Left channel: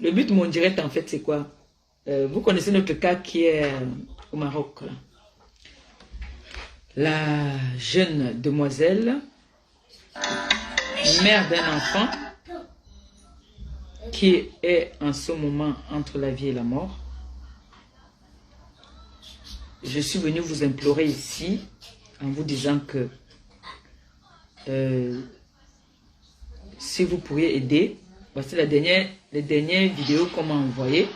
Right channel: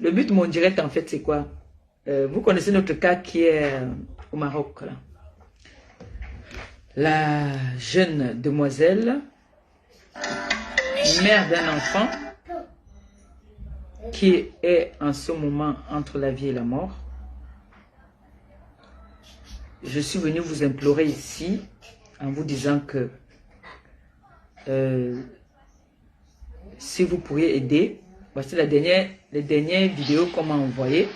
Le but de mon direct, en fait, c'est quoi? Vous connaissez notre cas qui est au Maroc, là. La jeune demoiselle, mère d'un enfant, qui est en ce moment entre la vie et la mort. Je suis venu vous implorer ici en vous disant que si vous pourriez aider, voici les dernières vidéos qu'on m'a envoyées.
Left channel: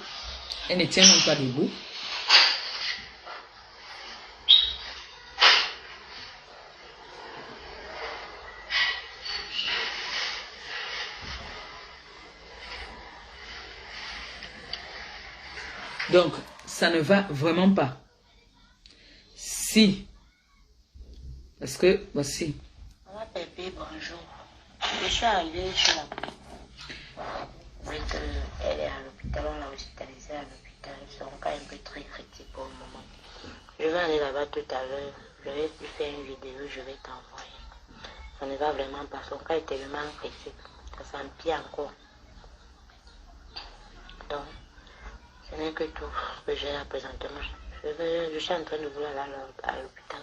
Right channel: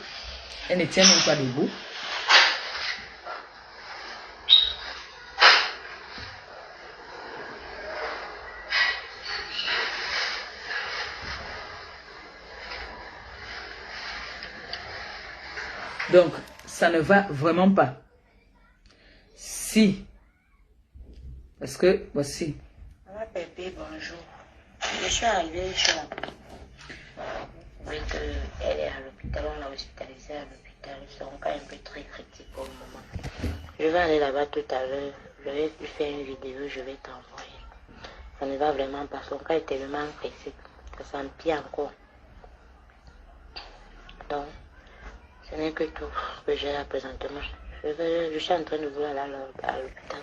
Elles ne tiennent même pas debout. Donc, ça ne va vraiment pas. Si, parce que, voici. Maman Pépé, bonjour. Je suis arrivée chez la elle est à l'hôpital, on l'a hospitalisée à l'hôpital. Son cas est un peu très critique pour le moment. Je vais aller là-bas tout à l'heure. Je vais lui faire une vidéo, je vais t'envoyer. Ça ne va vraiment pas. Son cas est tellement critique. Ça s'empire encore. Donc, ce n'est que tout ce que j'ai là présentement. Je suis en train de voir là à l'hôpital.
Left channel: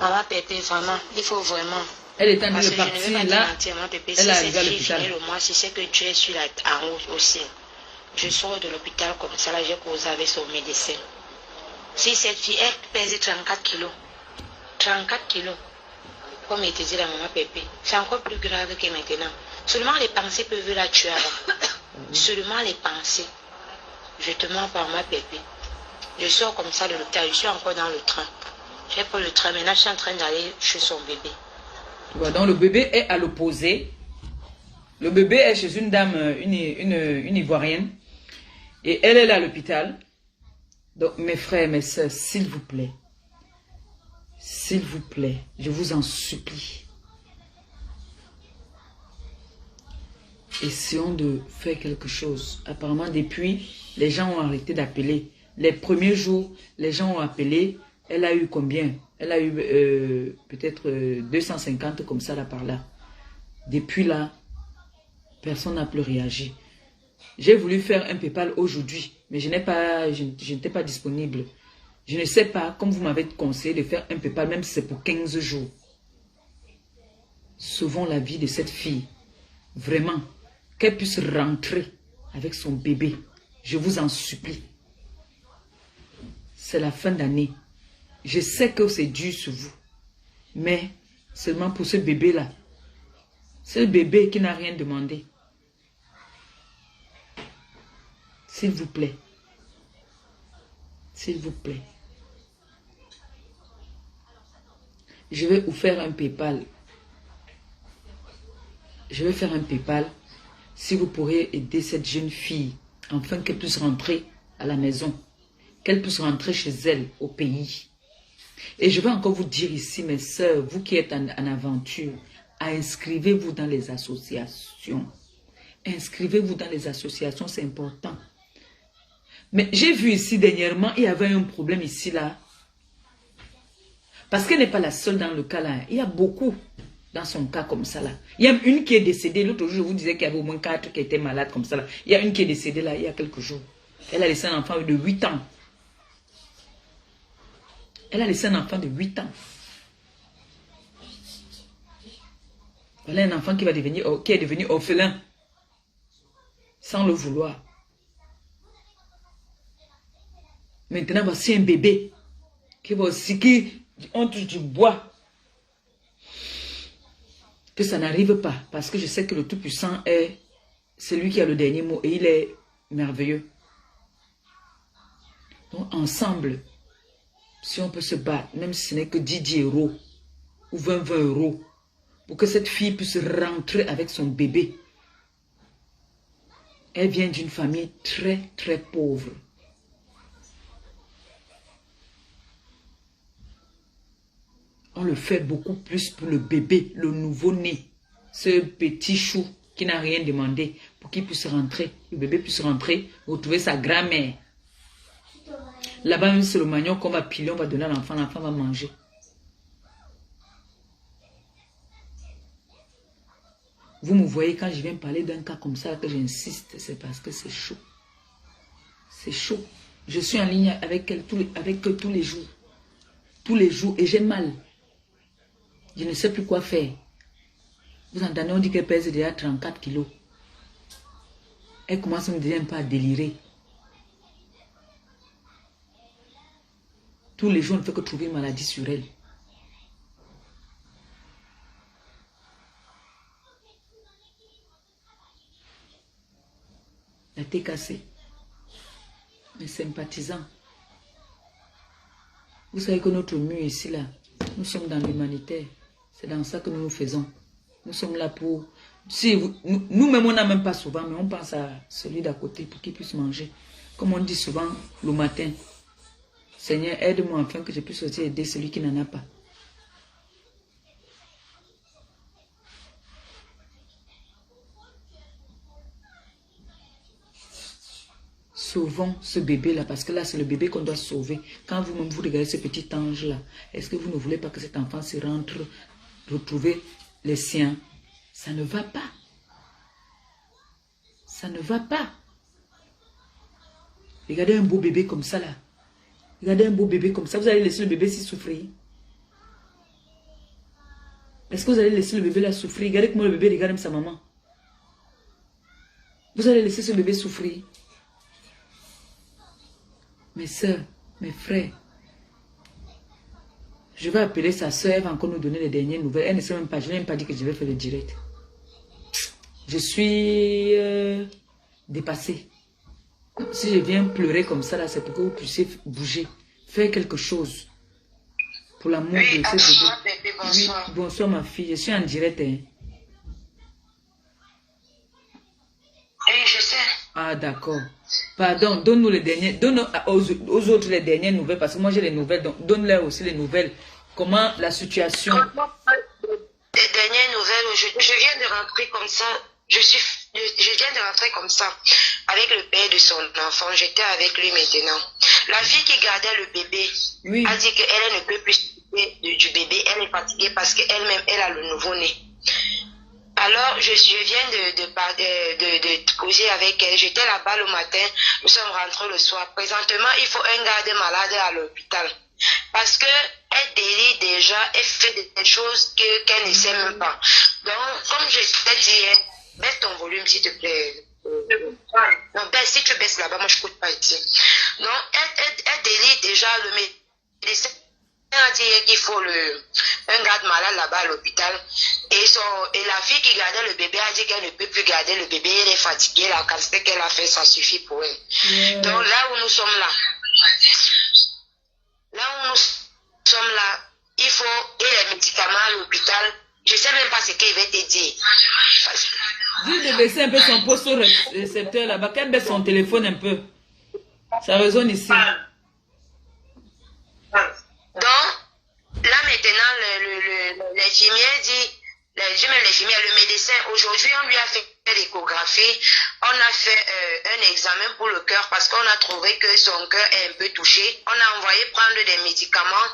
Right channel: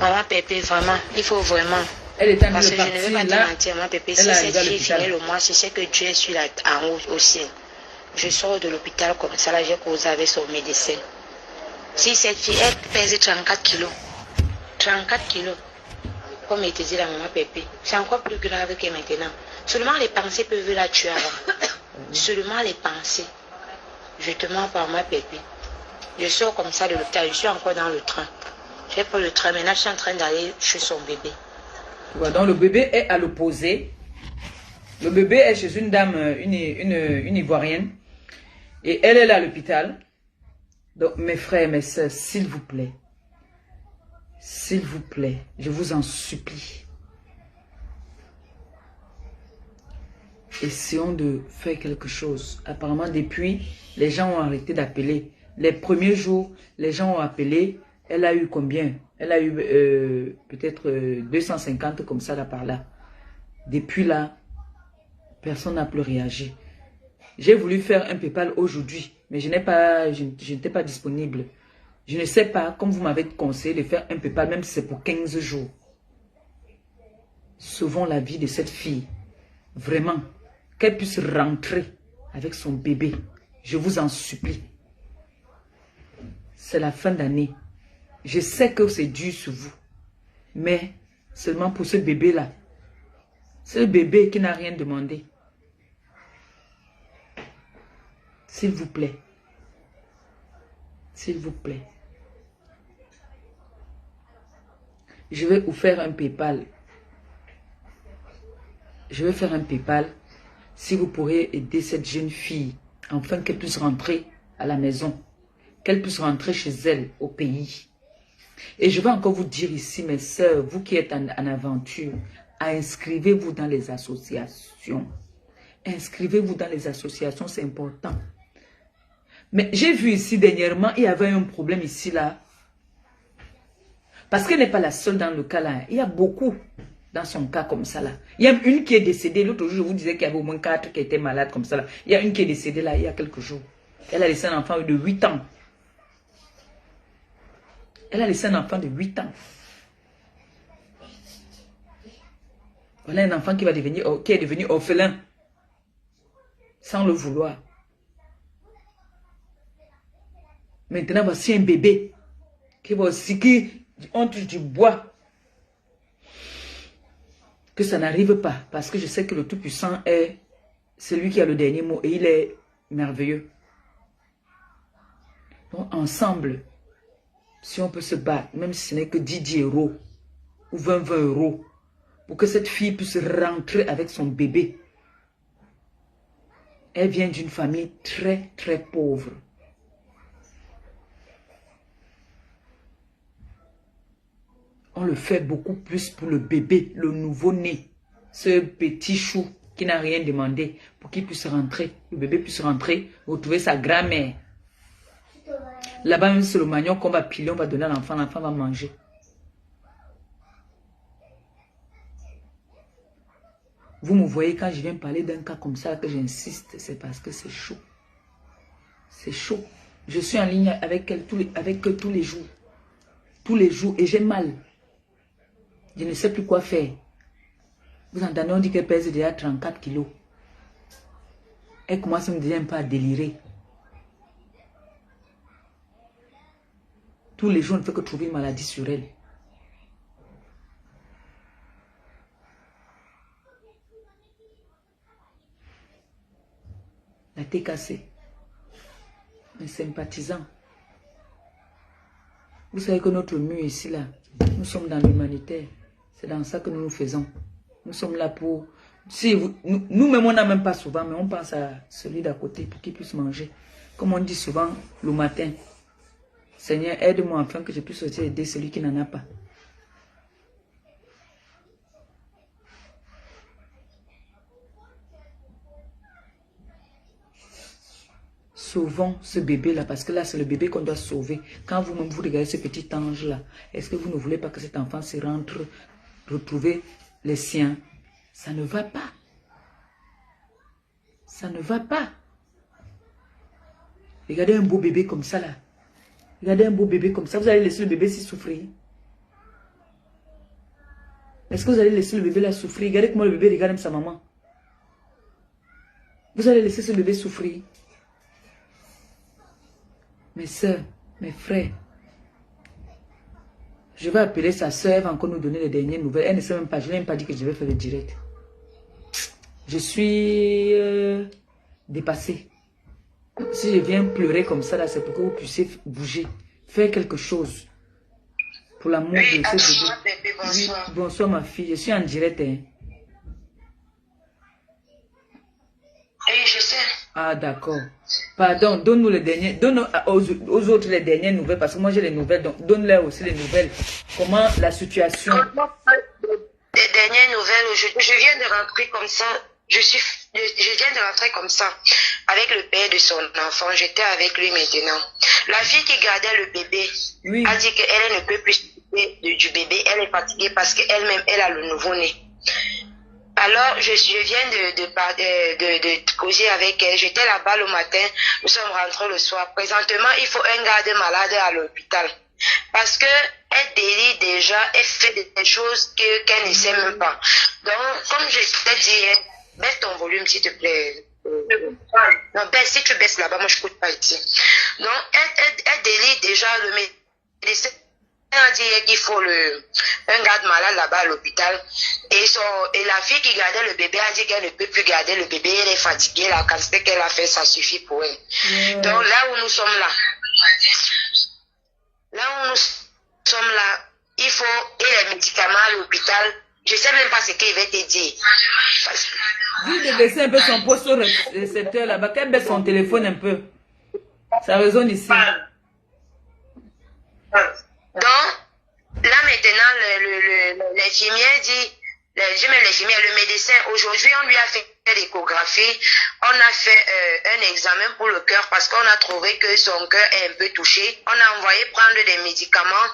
Maman Pépé, vraiment, il faut vraiment. Elle est en train de partir là. Elle arrive à l'hôpital. Je sais que Dieu est sur en haut au ciel. Je sors de l'hôpital comme ça, là, j'ai causé avec son médecin. Si cette fille, elle pèse 34 kilos. 34 kilos. Comme il te dit la maman Pépé. C'est encore plus grave que maintenant. Seulement les pensées peuvent la tuer avant. Seulement les pensées. Je te mens par ma Pépé. Je sors comme ça de l'hôpital. Je suis encore dans le train. J'ai pris le train. Maintenant, je suis en train d'aller chez son bébé. Voilà, donc le bébé est à l'opposé. Le bébé est chez une dame, une Ivoirienne. Et elle est là à l'hôpital. Donc mes frères, mes soeurs, s'il vous plaît, je vous en supplie. Essayons de faire quelque chose. Apparemment, depuis, les gens ont arrêté d'appeler. Les premiers jours, les gens ont appelé. Elle a eu combien? Elle a eu peut-être 250 comme ça là par là. Depuis là, personne n'a plus réagi. J'ai voulu faire un PayPal aujourd'hui, mais je n'étais pas disponible. Je ne sais pas, comme vous m'avez conseillé de faire un PayPal, même si c'est pour 15 jours. Sauvons la vie de cette fille. Vraiment, qu'elle puisse rentrer avec son bébé. Je vous en supplie. C'est la fin d'année. Je sais que c'est dur sur vous. Mais seulement pour ce bébé-là. Ce bébé qui n'a rien demandé. S'il vous plaît. S'il vous plaît. Je vais vous faire un PayPal. Je vais faire un PayPal. Si vous pourrez aider cette jeune fille. Afin qu'elle puisse rentrer à la maison. Qu'elle puisse rentrer chez elle, au pays. Et je vais encore vous dire ici, mes sœurs, vous qui êtes en aventure, inscrivez-vous dans les associations. Inscrivez-vous dans les associations, c'est important. Mais j'ai vu ici dernièrement, il y avait un problème ici, là. Parce qu'elle n'est pas la seule dans le cas, là. Il y a beaucoup dans son cas comme ça, là. Il y a une qui est décédée. L'autre jour, je vous disais qu'il y avait au moins 4 qui étaient malades comme ça, là. Il y a une qui est décédée, là, il y a quelques jours. Elle a laissé un enfant de 8 ans. Elle a laissé un enfant de 8 ans. Voilà un enfant qui est devenu orphelin. Sans le vouloir. Maintenant, voici un bébé. Qui va aussi, on touche du bois. Que ça n'arrive pas. Parce que je sais que le Tout-Puissant est celui qui a le dernier mot. Et il est merveilleux. Donc, ensemble, si on peut se battre, même si ce n'est que 10 euros ou 20 euros, pour que cette fille puisse rentrer avec son bébé. Elle vient d'une famille très, très pauvre. On le fait beaucoup plus pour le bébé, le nouveau-né. Ce petit chou qui n'a rien demandé pour qu'il puisse rentrer. Le bébé puisse rentrer, retrouver sa grand-mère. Là-bas, même c'est le manioc qu'on va piler, on va donner à l'enfant va manger. Vous me voyez quand je viens parler d'un cas comme ça, que j'insiste, c'est parce que c'est chaud. C'est chaud. Je suis en ligne avec elle avec eux tous les jours. Tous les jours. Et j'ai mal. Je ne sais plus quoi faire. Vous entendez, on dit qu'elle pèse déjà 34 kilos. Elle commence à me dire un peu à délirer. Tous les jours, on ne fait que trouver une maladie sur elle. La tête cassée. Mes sympathisants. Vous savez que notre mur ici, là, nous sommes dans l'humanitaire. C'est dans ça que nous nous faisons. Nous sommes là pour... Si nous-mêmes, on n'a même pas souvent, mais on pense à celui d'à côté pour qu'il puisse manger. Comme on dit souvent le matin. Seigneur, aide-moi afin que je puisse aussi aider celui qui n'en a pas. Sauvons ce bébé-là, parce que là, c'est le bébé qu'on doit sauver. Quand vous-même, vous regardez ce petit ange-là, est-ce que vous ne voulez pas que cet enfant se rentre, retrouver les siens? Ça ne va pas. Ça ne va pas. Regardez un beau bébé comme ça, là. Regardez un beau bébé comme ça. Vous allez laisser le bébé s'y souffrir? Est-ce que vous allez laisser le bébé là souffrir? Regardez comment le bébé regarde même sa maman. Vous allez laisser ce bébé souffrir? Mes soeurs, mes frères, je vais appeler sa soeur, elle va encore nous donner les dernières nouvelles. Elle ne sait même pas, je ne lui ai même pas dit que je vais faire le direct. Je suis dépassée. Si je viens pleurer comme ça, là, c'est pour que vous puissiez bouger, faire quelque chose. Pour l'amour de ce bébé. Oui, bonsoir ma fille, je suis en direct. Hein. Oui, je sais. Ah, d'accord. Pardon, donne-nous les derniers, donne aux autres les dernières nouvelles, parce que moi j'ai les nouvelles, donc donne-leur aussi les nouvelles. Comment la situation... Les dernières nouvelles, je viens de rentrer comme ça, je viens de rentrer comme ça, avec le père de son enfant, j'étais avec lui maintenant. La fille qui gardait le bébé a dit qu'elle ne peut plus s'occuper du bébé, elle est fatiguée parce qu'elle-même, elle a le nouveau-né. Alors, je viens de causer avec elle. J'étais là-bas le matin, nous sommes rentrés le soir. Présentement, il faut un garde malade à l'hôpital. Parce qu'elle délie déjà, elle fait des choses qu'elle ne sait même pas. Donc, comme je t'ai dit, baisse ton volume, s'il te plaît. Non, baisse, si tu baisses là-bas, moi je ne coûte pas ici. Donc, elle délie déjà le médecin. Elle a dit qu'il faut un garde malade là-bas à l'hôpital. Et la fille qui gardait le bébé a dit qu'elle ne peut plus garder le bébé. Elle est fatiguée. La quantité qu'elle a fait, ça suffit pour elle. Donc là où nous sommes là, il faut les médicaments à l'hôpital. Je ne sais même pas ce qu'il va te dire. Dis de baisser un peu son poste au récepteur là-bas. Qu'elle baisse son téléphone un peu. Ça résonne ici. Donc, là maintenant, l'infirmière dit, le médecin, aujourd'hui, on lui a fait l'échographie, on a fait un examen pour le cœur parce qu'on a trouvé que son cœur est un peu touché. On a envoyé prendre des médicaments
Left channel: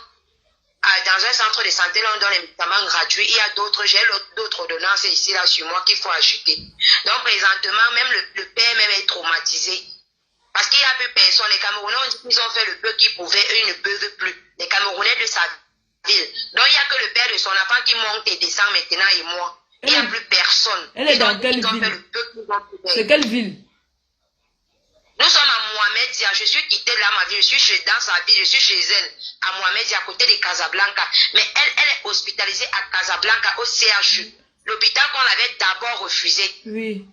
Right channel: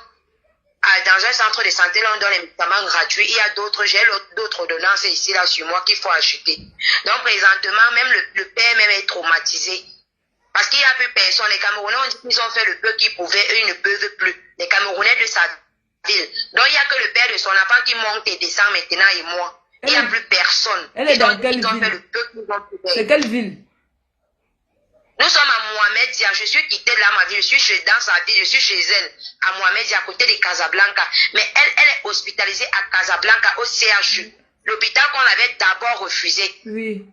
dans un centre de santé, là on donne les médicaments gratuits. Il y a d'autres, j'ai d'autres ordonnances ici, là, sur moi qu'il faut acheter. Donc, présentement, même le père même est traumatisé. Parce qu'il n'y a plus personne. Les Camerounais ont dit qu'ils ont fait le peu qu'ils pouvaient, eux ils ne peuvent plus. Les Camerounais de sa ville. Donc il n'y a que le père de son enfant qui monte et descend maintenant et moi. Il n'y a plus personne. Elle est dans quelle ville? C'est quelle ville? Nous sommes à Mohamedia. Je suis quittée là, ma vie. Je suis dans sa ville. Je suis chez elle, à Mohamedia, à côté de Casablanca. Mais elle est hospitalisée à Casablanca, au CHU. L'hôpital qu'on avait d'abord refusé. Oui.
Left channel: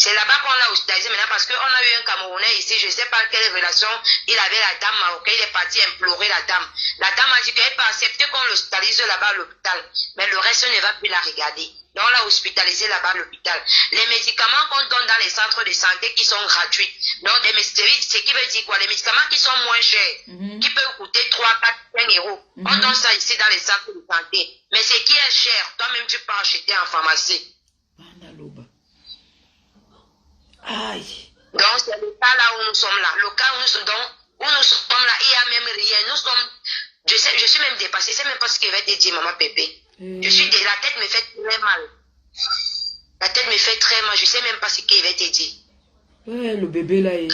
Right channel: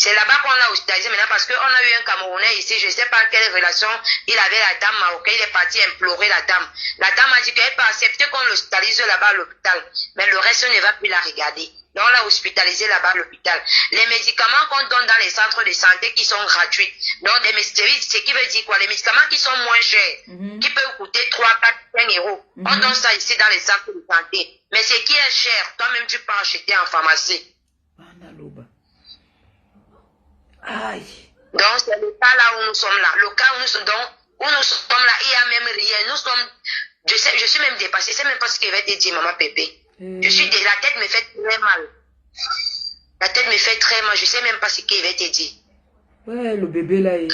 C'est là-bas qu'on l'a hospitalisé maintenant parce qu'on a eu un Camerounais ici, je ne sais pas quelle relation il avait la dame marocaine, il est parti implorer la dame. La dame a dit qu'elle peut accepter qu'on l'hospitalise là-bas à l'hôpital, mais le reste ne va plus la regarder. Donc on l'a hospitalisé là-bas à l'hôpital. Les médicaments qu'on donne dans les centres de santé qui sont gratuits, donc ce qui veut dire quoi? Les médicaments qui sont moins chers, qui peuvent coûter 3, 4, 5 euros. On donne ça ici dans les centres de santé. Mais ce qui est cher, toi-même tu peux acheter en pharmacie. Aïe. Donc, c'est le cas là où nous sommes là. Le cas où nous sommes là, il n'y a même rien. Je suis même dépassée. Je ne sais même pas ce qu'il va te dire, maman Pépé. La tête me fait très mal. La tête me fait très mal. Je ne sais même pas ce qu'il va te dire. Ouais, le bébé là. Je l'ai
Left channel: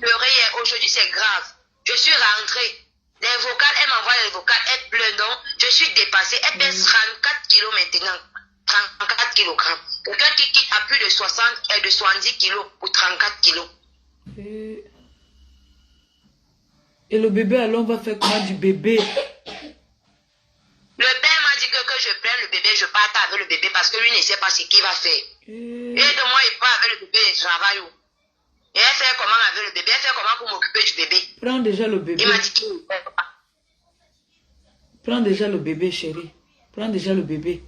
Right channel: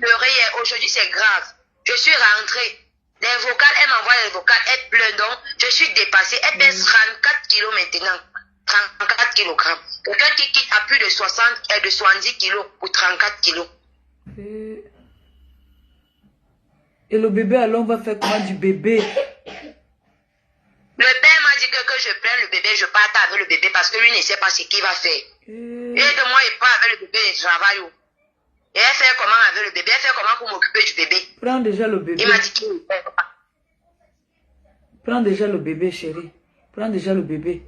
pleuré hier. Aujourd'hui, c'est grave. Je suis rentrée. Les vocales, elle m'envoie les vocales. Elle pleure donc. Je suis dépassée. Elle pèse 34 kilos maintenant. 34 kilogrammes. Quelqu'un qui quitte à plus de 70 kilos pour 34 kilos. Et le bébé, alors on va faire comment du bébé? Le père m'a dit que je prenne le bébé, je parte avec le bébé parce que lui ne sait pas ce qu'il va faire. Et de moi, il part avec le bébé et travaille. Et elle fait comment avec le bébé? Elle fait comment pour m'occuper du bébé? Prends déjà le bébé. Il m'a dit qu'il ne fait pas. Prends déjà le bébé, chérie. Prends déjà le bébé.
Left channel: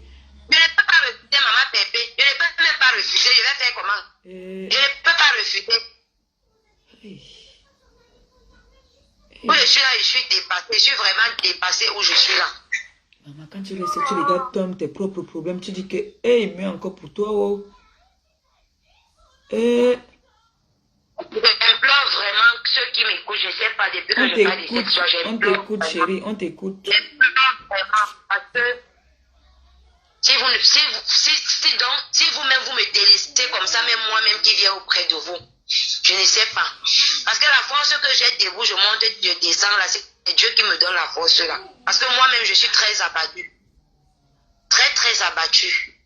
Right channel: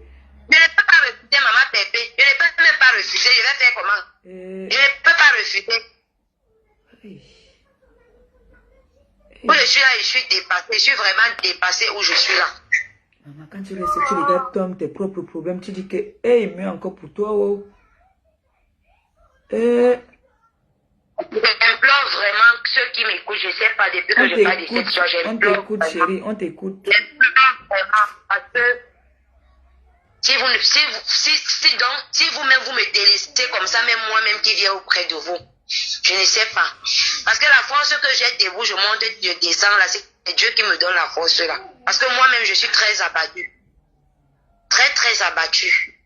Je ne peux pas refuser, maman Pépé. Je ne peux même pas refuser. Je vais faire comment? Je ne peux pas refuser. Où je suis là, je suis dépassée. Je suis vraiment dépassée où je suis là. Maman, quand tu regardes toi, tes propres problèmes, tu dis que, hey, mais encore pour toi, oh. J'implore vraiment ceux qui m'écoutent, je ne sais pas, depuis que je parle de cette soirée. On t'écoute, chérie, on t'écoute. J'implore vraiment parce que si vous-même vous me délaissez comme ça, même moi-même qui viens auprès de vous, je ne sais pas. Parce que la force que j'ai de vous, je monte, je descends là, c'est Dieu qui me donne la force là. Parce que moi-même, je suis très abattue. Très, très abattue.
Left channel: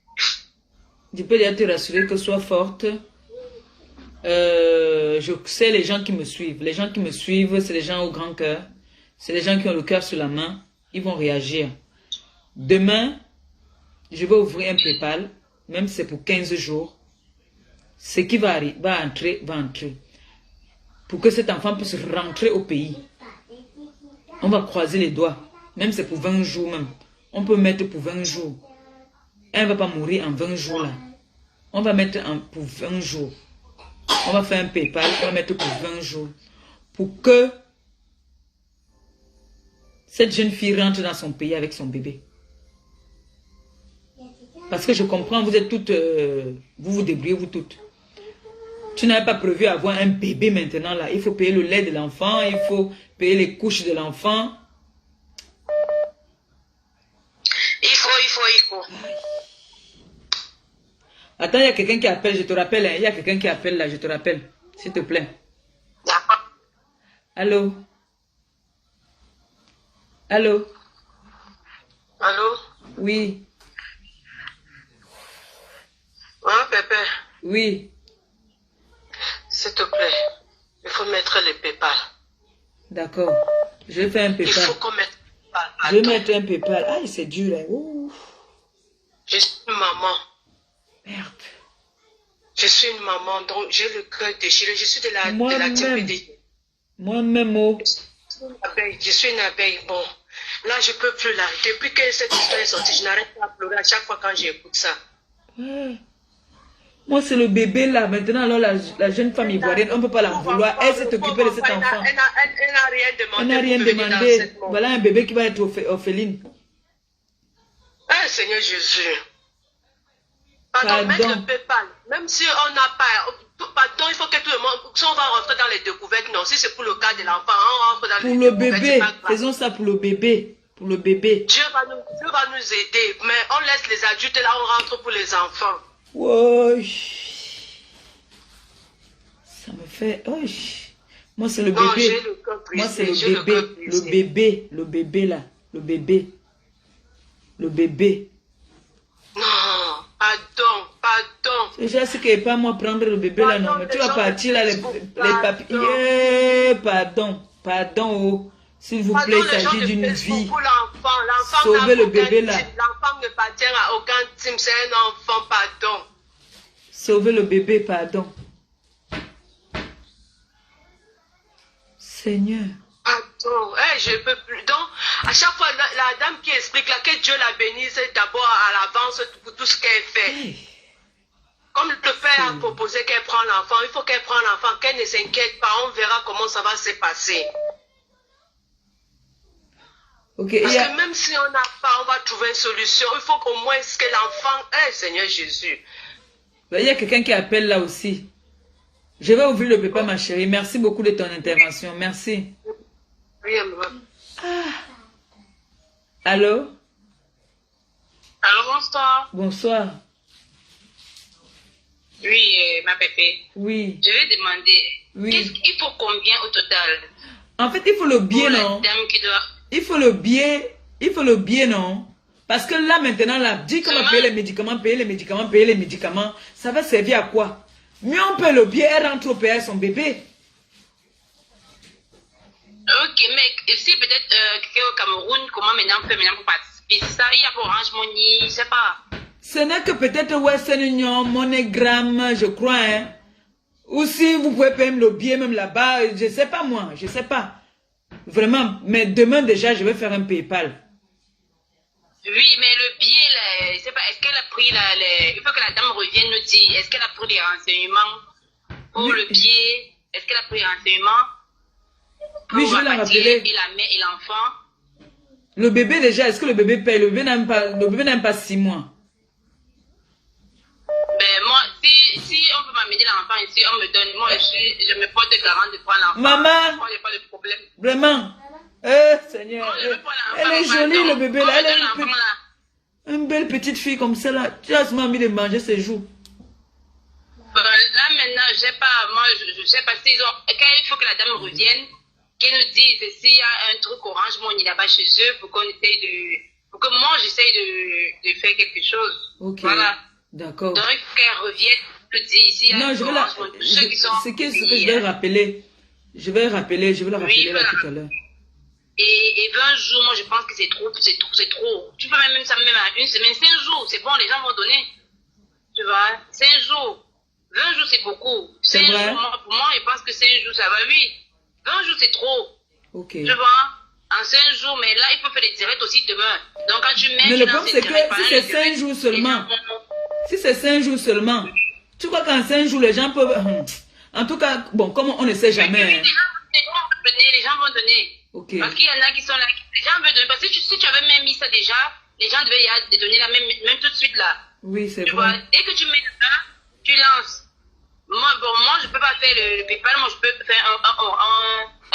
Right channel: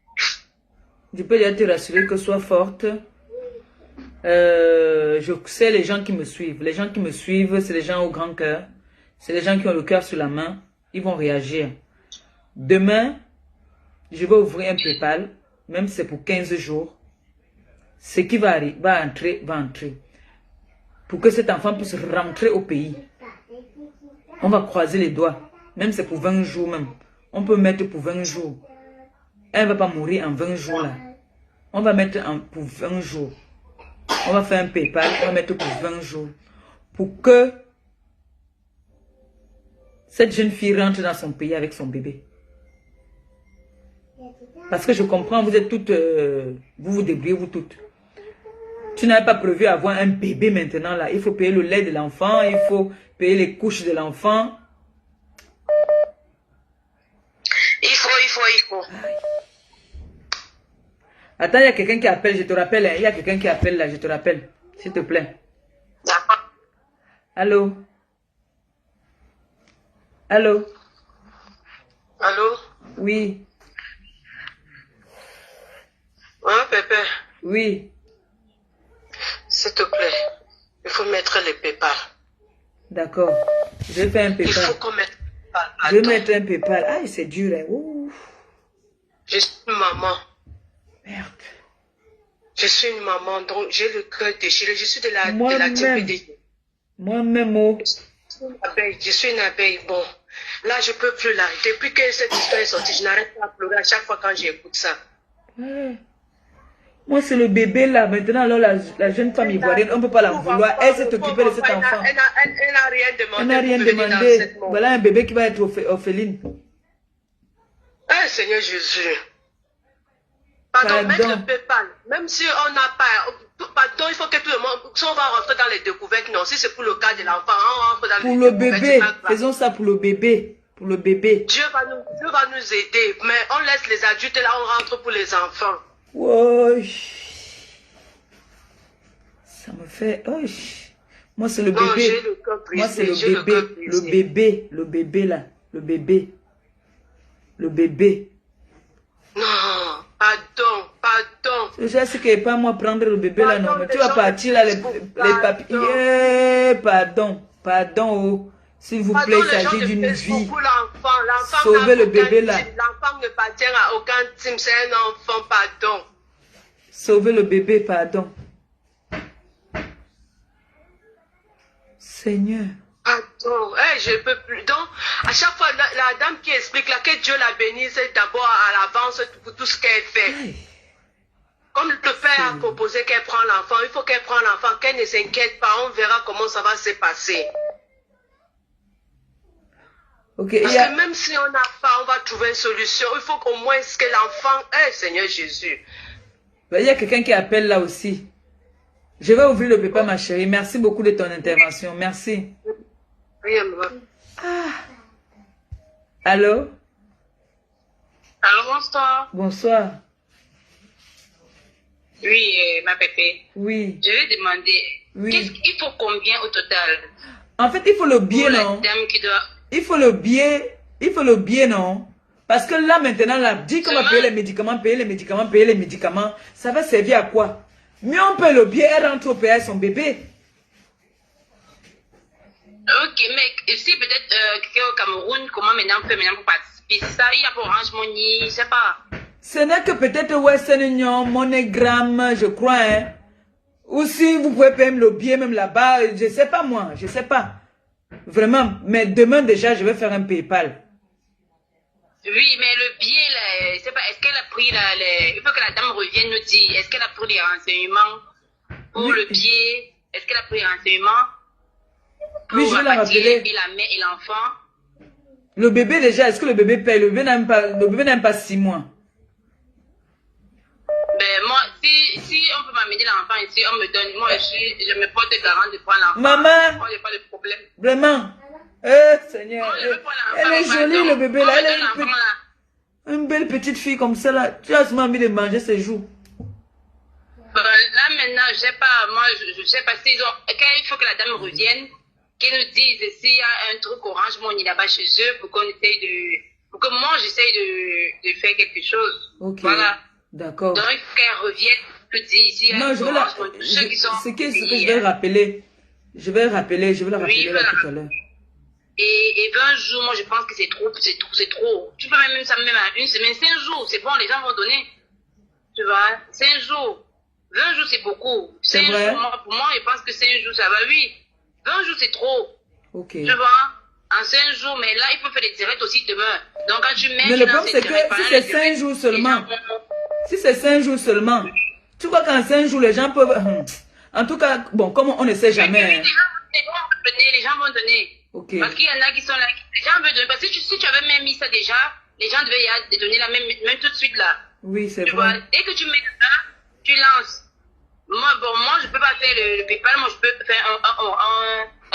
Je peux déjà te rassurer que sois forte. Je sais les gens qui me suivent. Les gens qui me suivent, c'est les gens au grand cœur. C'est les gens qui ont le cœur sur la main. Ils vont réagir. Demain, je vais ouvrir un PayPal, même si c'est pour 15 jours. Ce qui va entrer, va entrer. Pour que cet enfant puisse rentrer au pays. On va croiser les doigts. Même si c'est pour 20 jours même. On peut mettre pour 20 jours. Elle ne va pas mourir en 20 jours là. On va mettre pour 20 jours. On va faire un PayPal, on va mettre pour 20 jours. Pour que cette jeune fille rentre dans son pays avec son bébé. Parce que je comprends, vous êtes toutes, vous vous débrouillez vous toutes. Tu n'avais pas prévu avoir un bébé maintenant là. Il faut payer le lait de l'enfant, il faut payer les couches de l'enfant. Il faut. Attends, il y a quelqu'un qui appelle, je te rappelle. Hein, il y a quelqu'un qui appelle là, je te rappelle. S'il te plaît. Allô? Allô? Allô? Oui. Hein, Pépé? Oui. S'il te plaît, il faut mettre les PayPal. D'accord. Je vais faire un PayPal. Il faut qu'on mette PayPal. Je vais mettre un PayPal. Aïe, c'est dur. Hein. Ouh. Je suis une maman. Merde. Je suis une maman, donc j'ai le cœur déchiré. Je suis de la Moi-même. Moi-même, oh. Je suis une abeille. Bon, là, je ne peux plus là. Depuis que cette histoire est sortie, je n'arrête pas à pleurer à chaque fois quand j'écoute ça. Ouais. Moi, c'est le bébé là. Maintenant, alors, la jeune femme ivoirienne, on ne peut pas la vouloir. Elle s'est occupée de cet enfant. Elle n'a rien demandé. Elle n'a rien demandé. Voilà un bébé qui va être orpheline. Ah, Seigneur Jésus. Pardon, mettre le PayPal. Même si on n'a pas... Pardon, il faut que tout le monde... Si on va rentrer dans les découvertes, non. Si c'est pour le cas de l'enfant, on rentre dans les découvertes. Pour le bébé. Faisons ça pour le bébé. Pour le bébé. Dieu va nous aider. Mais on laisse les adultes là, on rentre pour les enfants. Ouais. Ça me fait... Oh. Moi, c'est le bébé. Moi, c'est le bébé. Le bébé. Le bébé là. Le bébé. Le bébé. Non, pardon. Je sais que pas moi prendre le bébé là, non. Mais tu vas partir là, les papiers. Pardon. Oh. S'il vous plaît, il s'agit d'une vie. Sauvez le bébé là. L'enfant ne appartient à aucun team, c'est un enfant, pardon. Sauvez le bébé, pardon. Seigneur. Attends, je ne peux plus. Donc, à chaque fois, la dame qui explique là, que Dieu la bénisse d'abord à l'avance pour tout ce qu'elle fait. Hey. Comme le père a proposé qu'elle prenne l'enfant, il faut qu'elle prenne l'enfant, qu'elle ne s'inquiète pas, on verra comment ça va se passer. Okay, parce que même si on n'a pas, on va trouver une solution. Il faut qu'au moins que l'enfant ait, Seigneur Jésus. Il y a quelqu'un qui appelle là aussi. Je vais ouvrir le PayPal, ma chérie. Merci beaucoup de ton intervention. Merci. Rien, maman. Ah. Allô? Allô, bonsoir. Bonsoir. Oui, ma pépé. Oui. Je vais demander. Oui. Il faut combien au total? En fait, il faut le billet, non? Il faut le billet, non? Parce que là, maintenant, là, dit qu'on va payer les médicaments, ça va servir à quoi? Mais on paye le billet, elle rentre au pays à son bébé. Ok, mais ici, peut-être, au Cameroun, comment maintenant on peut maintenant participer? Ça, il y a pour Orange Money, je sais pas. Ce n'est que peut-être Western Union, MoneyGram, je crois, hein. Ou si vous pouvez payer le billet même là-bas, je sais pas moi, je sais pas. Vraiment, mais demain déjà, je vais faire un PayPal. Oui, mais le billet, là, je sais pas, est-ce qu'elle a pris, là, il faut que la dame revienne nous dire, est-ce qu'elle a pris les renseignements pour le billet? Est-ce qu'elle a pris les renseignements? Oui, je vais la rappeler. Et la mère et l'enfant. Le bébé déjà, est-ce que le bébé paye? Le bébé n'a même pas 6 mois. Ben, moi, si on peut m'amener l'enfant ici, on me donne, moi, je me porte garant de prendre l'enfant. Maman, moi, j'ai pas de problème. Vraiment, Seigneur, elle est jolie, le bébé là, elle est une belle petite fille comme ça là. Tu as seulement envie de manger ses joues. Là, maintenant, je sais pas, moi, je sais pas s'ils ont, quand il faut que la dame revienne, qu'elle nous dise s'il y a un truc Orange Money là-bas chez eux, pour qu'on essaye pour que moi, j'essaye de faire quelque chose. Ok. Voilà. D'accord. Donc, qu'elle revienne, je dis ici. Non, je vais la. Ce que je vais rappeler. Je vais la rappeler là tout à l'heure. Et 20 jours, moi je pense que c'est trop. Tu peux même ça même à une semaine, 5 jours, c'est bon, les gens vont donner. Tu vois, 5 jours. 20 jours, c'est beaucoup. C'est vrai. Pour moi, je pense que 5 jours, ça va, oui. 20 jours, c'est trop. Ok. Tu vois, en 5 jours, mais là, il faut faire les directs aussi demain. Donc, quand tu mets. Mais le problème, c'est que si c'est 5 jours seulement. Si c'est 5 jours seulement, tu crois qu'en 5 jours, les gens peuvent... En tout cas, bon, comme on ne sait jamais... Les gens vont donner. Ok. Parce qu'il y en a qui sont là. Les gens veulent donner. Parce que si tu avais même mis ça déjà, les gens devaient y donner la même tout de suite là. Oui, c'est vrai. Vois, dès que tu mets ça, tu lances. Moi, je ne peux pas faire le PayPal, moi, je peux faire un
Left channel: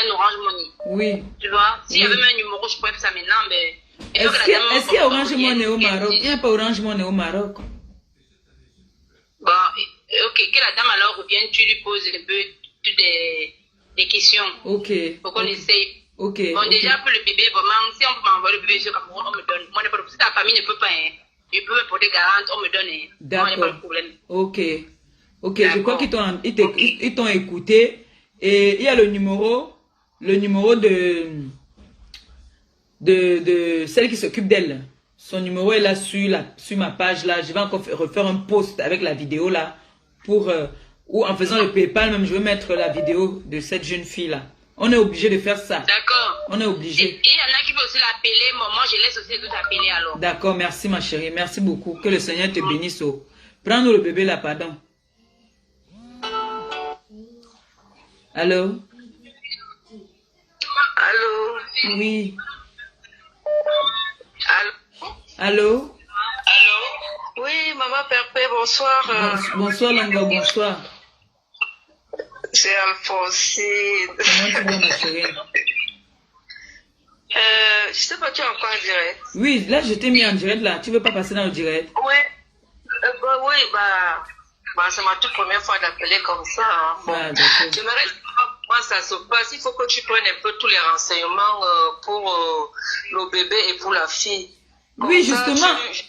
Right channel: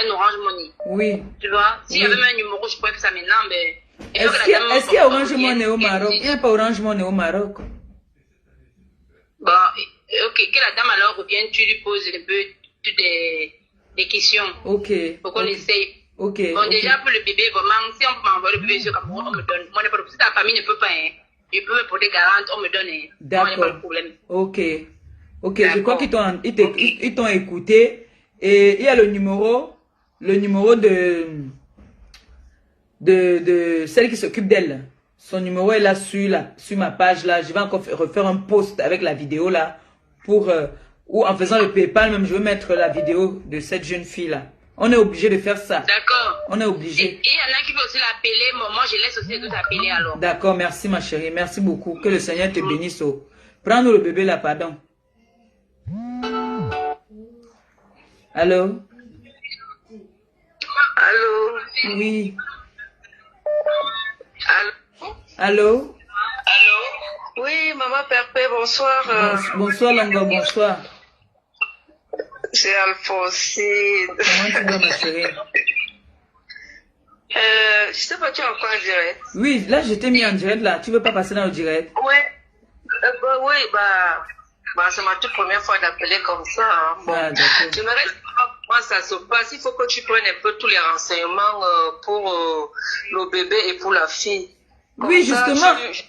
Orange Money. Oui. Tu vois, s'il y avait même un numéro, je pourrais faire ça maintenant, mais... Est-ce qu'il y a Orange Money au Maroc? Il n'y a pas Orange Money au Maroc. Bon, ok, que la dame alors revienne, tu lui poses un peu toutes les questions. Ok. Pour qu'on essaye. Ok. Bon, déjà pour le bébé, vraiment, si on peut m'envoyer le bébé sur Cameroun, on me donne. Moi, si ta famille ne peut pas, hein, je peux me porter garante, on me donne. Hein. D'accord. Moi, il n'y a pas de problème. Ok. Ok, je crois qu'ils t'ont écouté. Et il y a le numéro de celle qui s'occupe d'elle. Son numéro est là sur ma page là. Je vais encore refaire un post avec la vidéo là. Ou en faisant le PayPal même, je vais mettre la vidéo de cette jeune fille là. On est obligé de faire ça. D'accord. On est obligé. Et il y en a qui peuvent aussi l'appeler. Moi, je laisse aussi tout appeler alors. D'accord, merci ma chérie. Merci beaucoup. Que le Seigneur te bénisse. Prends-nous le bébé là, pardon. Allô? Allô? Oui. Allô? Allô? Allô? Oui, maman Perpé, bonsoir. Bonsoir, Longo, bonsoir. C'est Alphonsine. Comment tu vas, ma chérie? Je sais pas, tu es encore en direct. Oui, là, je t'ai mis en direct, là. Tu veux pas passer dans le direct? Oui. Oui, c'est ma toute première fois d'appeler comme ça. Hein. Bon, j'aimerais savoir comment ça se passe. Il faut que tu prennes un peu tous les renseignements pour le bébé et pour la fille. Comme oui, ça,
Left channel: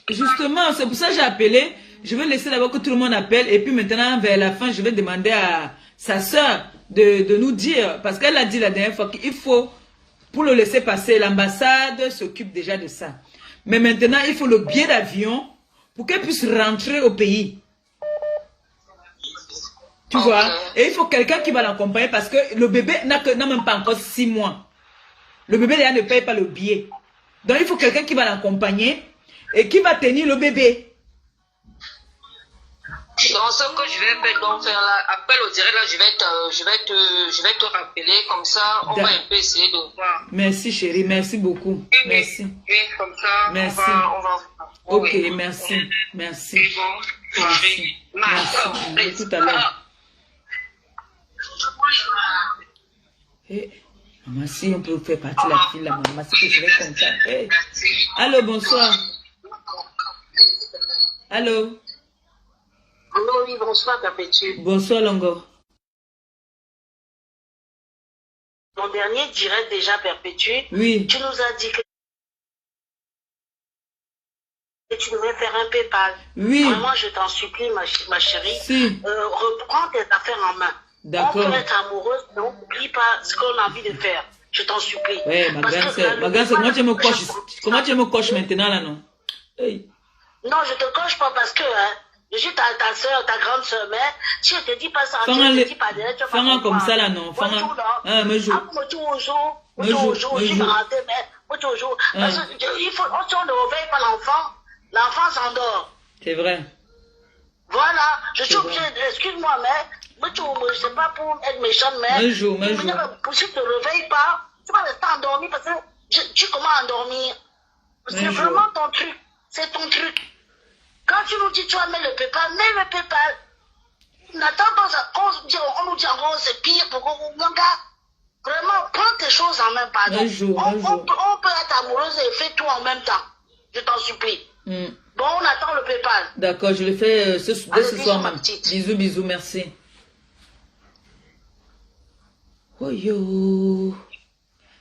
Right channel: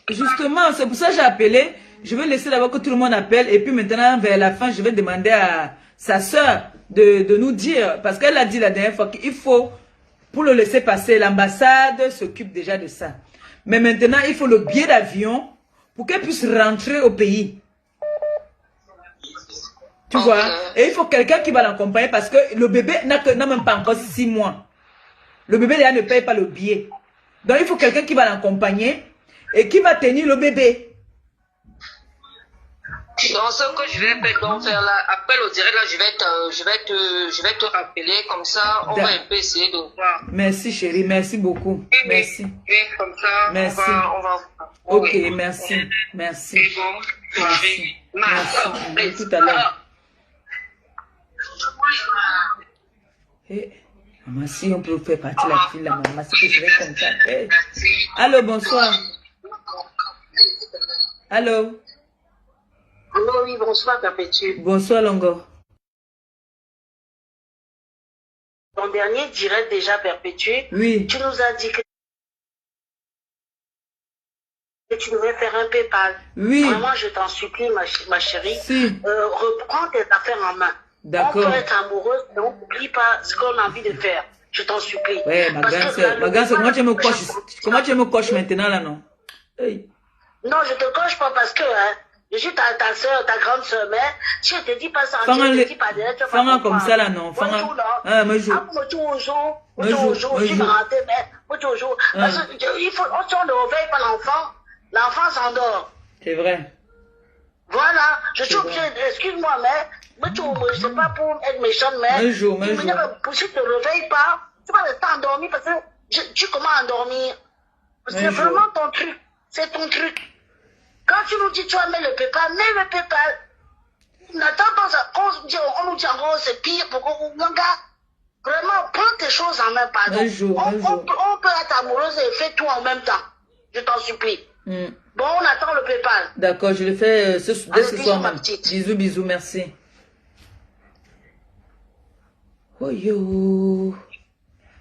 justement, c'est pour ça que j'ai appelé. Je vais laisser d'abord que tout le monde appelle. Et puis maintenant, vers la fin, je vais demander à sa soeur de nous dire. Parce qu'elle a dit la dernière fois qu'il faut, pour le laisser passer, l'ambassade s'occupe déjà de ça. Mais maintenant, il faut le billet d'avion pour qu'elle puisse rentrer au pays. Tu vois? Et il faut quelqu'un qui va l'accompagner parce que le bébé n'a même pas encore 6 mois. Le bébé déjà ne paye pas le billet. Donc il faut quelqu'un qui va l'accompagner et qui va tenir le bébé. Donc ce que je vais donc faire là, appel au direct là, je vais te rappeler comme ça, on va un peu essayer de voir. Merci chérie, merci beaucoup. Merci. Oui, comme ça, merci. On va. Ok, merci. Merci. Merci. Merci. Tout à l'heure. Hey, maman, si on peut faire partie de la fille, la maman, c'est que je vais comme ça. Hey. Allô, bonsoir. Allô. Allô, oui, bonsoir, Perpétue. Bonsoir, Longo. Ton dernier direct déjà, Perpétue, Oui. tu nous as dit que tu devrais faire un PayPal. Oui. Vraiment, je t'en supplie, ma chérie. Si. Reprends tes affaires en main. D'accord. On peut être amoureuse, mais on n'oublie pas ce qu'on a envie de faire. Je t'en supplie. Ouais, ma ganse, comment tu me coches maintenant là, non? Hey. Non, je te coche pas parce que je suis ta soeur, ta grande soeur, mais si je te dis pas ça, Fanga je te dis pas direct, tu vas pas Fanga comme comprendre. ça là, non? Fanga. Me joue. Il faut, si on ne réveille pas l'enfant, l'enfant s'endort. C'est vrai. Voilà, je suis obligée, excuse-moi, mais je sais pas pour être méchante, mais Me joue. si tu ne te réveilles pas, tu vas rester endormi parce que tu commences à endormir. C'est vraiment ton truc, c'est ton truc. Quand tu nous dis tu vas mettre le PayPal, mets le PayPal. N'attends pas ça, on nous dit encore c'est pire, mon gars, vraiment, prends tes choses en main, pardon. On peut être amoureuse et faire tout en même temps. Je t'en supplie. Bon, on attend le PayPal. D'accord, je le fais dès ce soir même. Bisous, merci. Oh yo.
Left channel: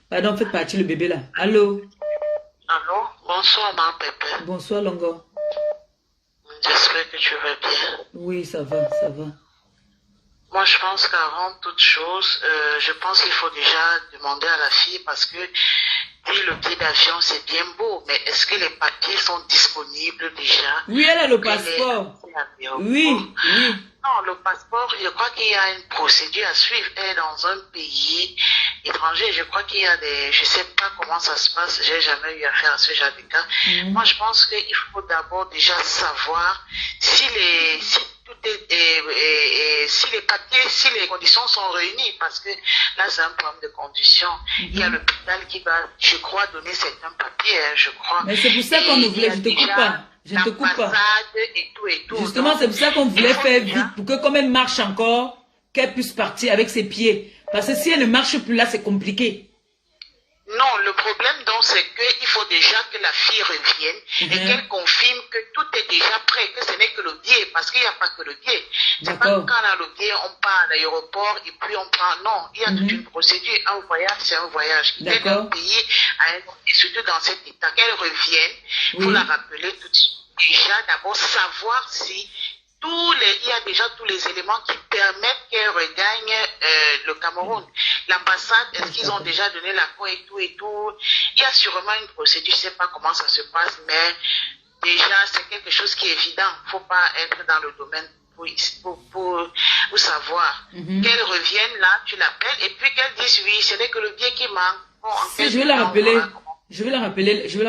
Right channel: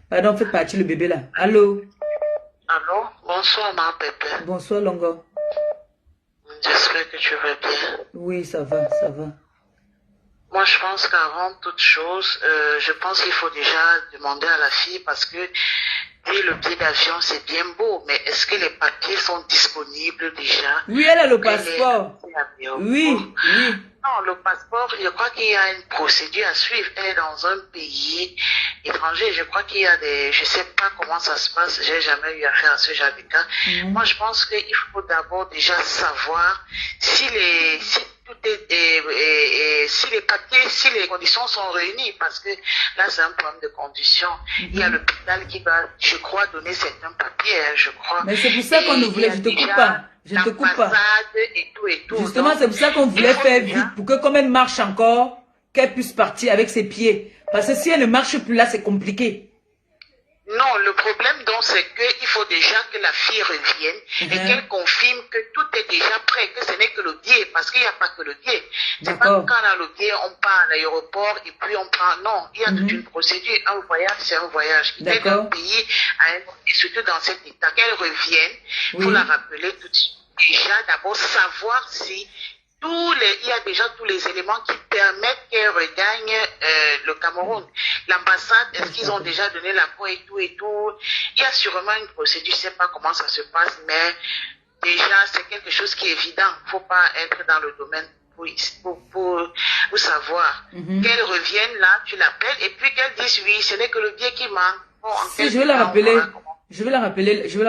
Pardon, faites partie le bébé là. Allô? Allô? Bonsoir, ma Pépé. Bonsoir, Longo. J'espère que tu vas bien. Oui, ça va. Moi, je pense qu'avant toute chose, je pense qu'il faut déjà demander à la fille parce que le billet d'avion, c'est bien beau, mais est-ce que les papiers sont disponibles déjà? Oui, elle a le passeport. Oui. Non, le passeport, je crois qu'il y a une procédure à suivre. Elle est dans un pays étranger. Je crois qu'il y a je sais pas comment ça se passe. J'ai jamais eu affaire à ce genre de cas. Moi, je pense qu'il faut d'abord déjà savoir si tout est, si les papiers, si les conditions sont réunies, parce que là, c'est un problème de conditions. Il y a l'hôpital qui va, je crois, donner certains papiers, je crois. Mais c'est pour ça qu'on ne voulait, je te coupe pas. Et tout. Justement, c'est pour ça qu'on voulait faire vite, pour que comme elle marche encore, qu'elle puisse partir avec ses pieds. Parce que si elle ne marche plus là, c'est compliqué. Non, le problème donc c'est qu'il faut déjà que la fille revienne et qu'elle confirme que tout est déjà prêt, que ce n'est que le billet, parce qu'il n'y a pas que le billet. C'est pas quand on a le billet, on part à l'aéroport et puis on prend. Non, il y a toute une procédure. Un voyage, c'est un voyage. D'accord. Un pays, surtout dans cet état, qu'elle revienne, il faut la rappeler tout de suite. Déjà, d'abord savoir si il y a déjà tous les éléments qui permettent qu'elle regagne le Cameroun. L'ambassade, est-ce qu'ils ont déjà donné l'accord et tout? Il y a sûrement une procédure, je ne sais pas comment ça se passe, mais déjà, c'est quelque chose qui est évident. Il ne faut pas être dans le domaine pour savoir. Qu'elle revienne là, tu l'appelles, et puis qu'elle dise oui, ce n'est que le billet qui manque. Bon, si, je vais la rappeler. Je vais la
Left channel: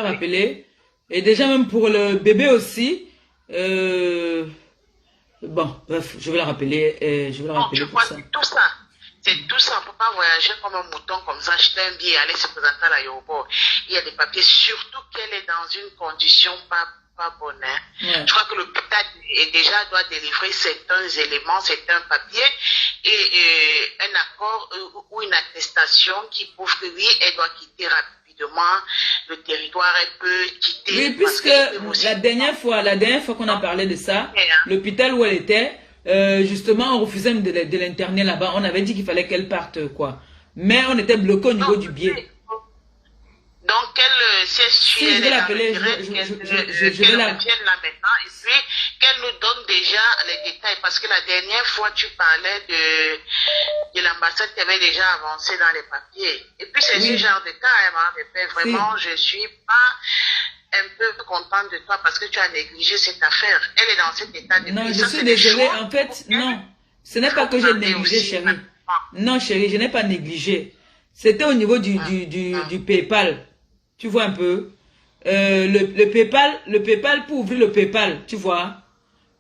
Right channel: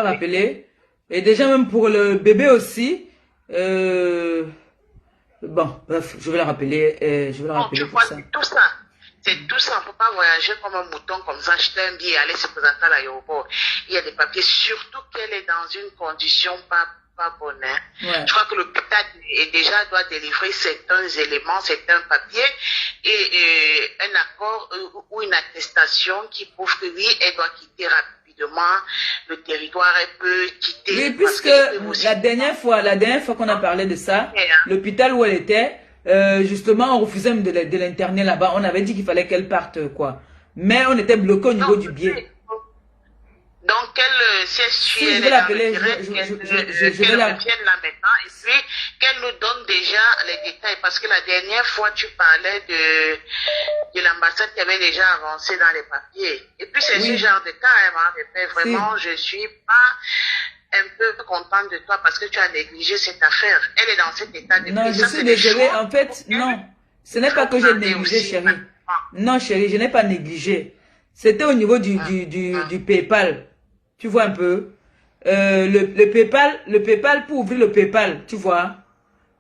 rappeler. Et déjà, même pour le bébé aussi, bon, bref, je vais la rappeler, pour ça. C'est tout ça, il ne faut pas voyager comme un mouton comme ça, acheter un billet et aller se présenter à l'aéroport. Il y a des papiers, surtout qu'elle est dans une condition pas bonne. Je crois que l'hôpital doit délivrer certains éléments, certains papiers et un accord ou une attestation qui prouve que oui, elle doit quitter rapidement le territoire, elle peut quitter. Oui, puisque la dernière fois qu'on a parlé de ça, l'hôpital où elle était, justement, on refusait de l'interner là-bas. On avait dit qu'il fallait qu'elle parte, quoi. Mais on était bloqué au niveau du billet. Donc, si je vais l'appeler, je vais la... là maintenant, et puis qu'elle nous donne déjà les détails. Parce que la dernière fois, tu parlais de l'ambassade qui avait déjà avancé dans les papiers. Et puis, c'est ce genre de cas, vraiment, je suis pas un peu contente de toi parce que tu as négligé cette affaire. Elle est dans cet état de... Non, je suis désolée. En fait, non. Ce n'est pas que j'ai négligé, chérie. Non, chérie, je n'ai pas négligé. C'était au niveau du PayPal. Tu vois un peu. Le PayPal, pour ouvrir le PayPal, tu vois.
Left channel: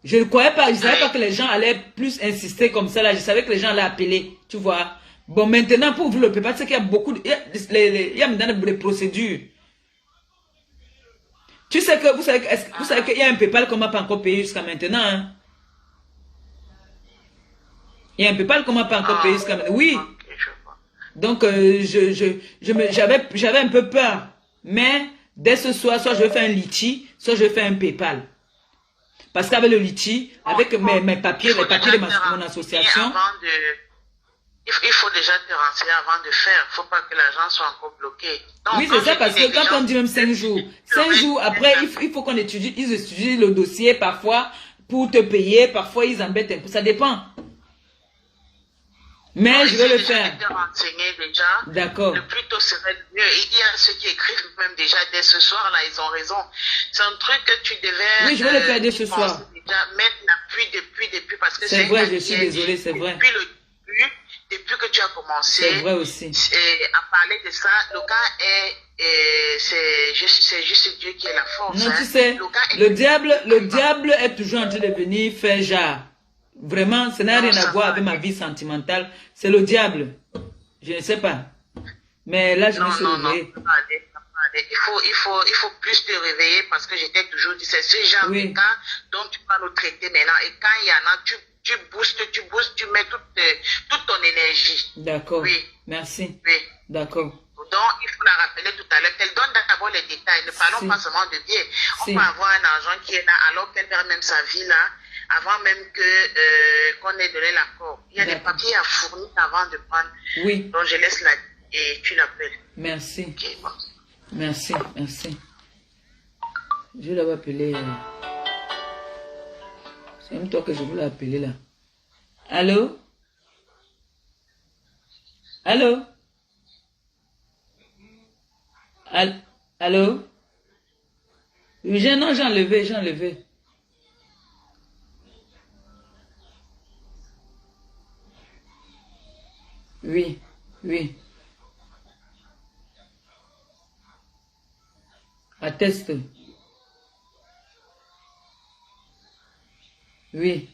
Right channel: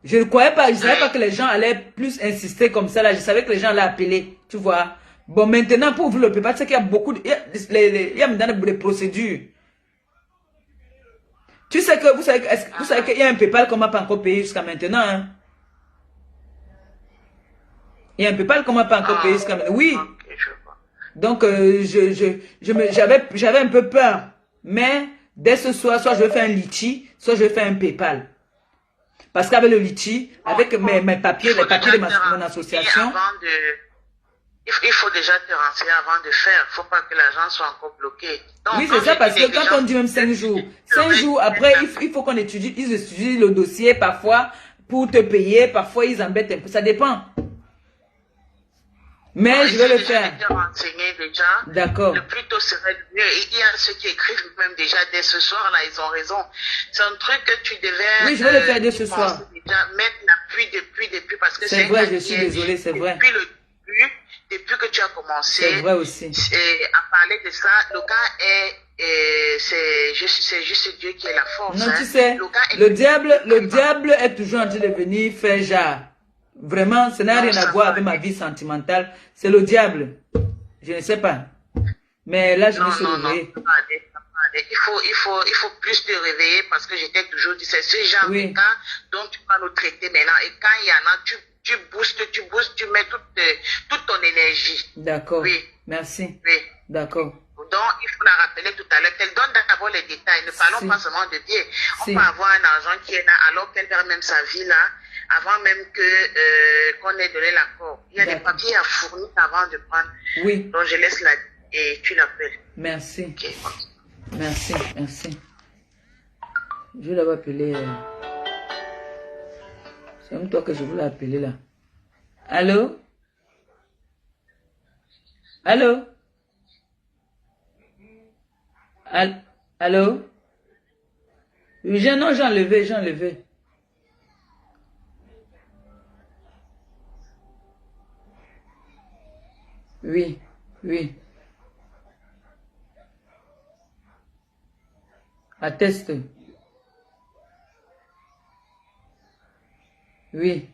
Je ne croyais pas, je ne savais pas que les gens allaient plus insister comme ça là. Je savais que les gens allaient appeler, tu vois. Bon, maintenant, pour ouvrir le PayPal, c'est qu'il y a beaucoup de... Il y a maintenant des procédures. Tu sais que, vous savez qu'il y a un PayPal qu'on m'a pas encore payé jusqu'à maintenant, hein. Il y a un PayPal qu'on m'a pas encore payé jusqu'à maintenant. Oui. Donc, j'avais un peu peur. Mais, dès ce soir, soit je vais faire un litchi, soit je vais faire un PayPal. Parce qu'avec le litchi, avec mes papiers, les papiers de mon association. Il faut déjà te renseigner avant de faire. Il ne faut pas que l'argent soit encore bloqué. Donc, oui, c'est ça, parce que quand on dit même 5 jours, 5 jours après, il faut qu'on étudie, ils étudient le dossier parfois pour te payer, parfois ils embêtent un peu, ça dépend. Mais je vais le faire. D'accord. Le plus tôt serait mieux. Il y a ceux qui écrivent même déjà dès ce soir, là, ils ont raison. C'est un truc que tu devais... Oui, je vais le faire dès ce soir. Déjà, même depuis, parce que c'est vrai, je suis désolée, c'est vrai. Depuis que tu as commencé c'est vrai aussi. À parler de ça, le cas c'est juste Dieu qui est la force. Non, tu sais, le diable est toujours en train de venir faire genre. Vraiment, ça n'a rien à voir avec ma vie sentimentale. C'est le diable. Je ne sais pas. Mais là, je me suis réveillée. Il faut plus te réveiller parce que j'étais toujours dit, c'est ce genre de cas dont tu vas nous traiter maintenant. Et quand il y en a, tu boostes, tu mets toute ton énergie. D'accord. Oui. Merci. Oui. D'accord. Donc, il faut la rappeler tout à l'heure. Elle donne d'abord les détails. Ne parlons pas seulement de Dieu. On peut avoir un argent qui est là alors qu'elle perd même sa vie là, avant même qu'on ait donné l'accord. Il y a des papiers à fournir avant de prendre. Oui. Donc, je laisse la et tu l'appelles. Merci. Okay. Merci. Je vais l'appeler appeler. C'est même toi que je voulais appeler là. Allô? Allô? Allô? Oui, non, j'ai enlevé. Oui. Atteste. Oui.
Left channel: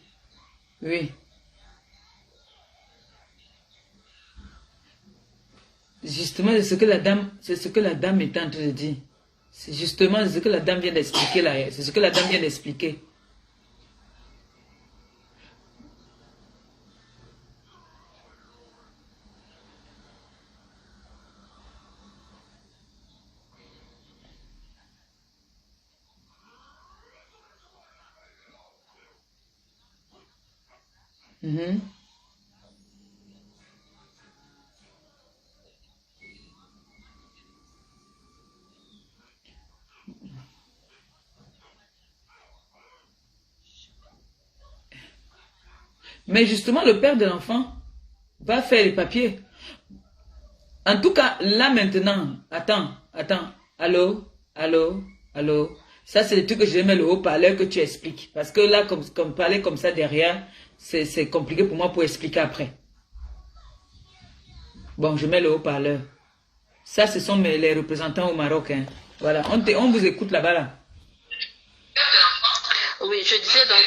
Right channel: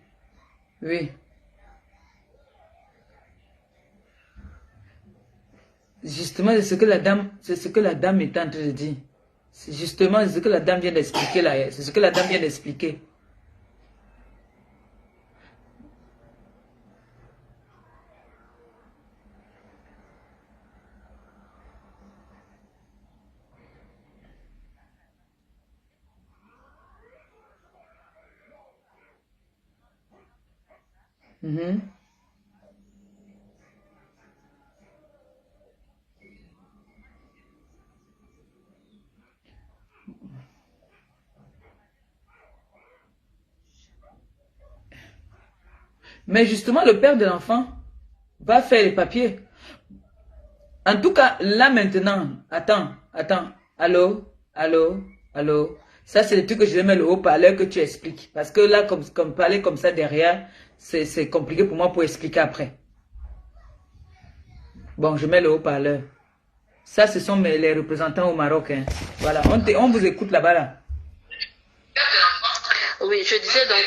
Justement, c'est ce que la dame est en train de dire. C'est justement ce que la dame vient d'expliquer là. C'est ce que la dame vient d'expliquer. Mais justement, le père de l'enfant va faire les papiers. En tout cas, là maintenant, attends. Allô? Ça, c'est le truc que je vais mettre le haut-parleur que tu expliques. Parce que là, comme parler comme ça derrière, c'est compliqué pour moi pour expliquer après. Bon, je mets le haut-parleur. Ça, ce sont les représentants au Maroc. Hein. Voilà, on vous écoute là-bas. Là. Oui, je disais donc...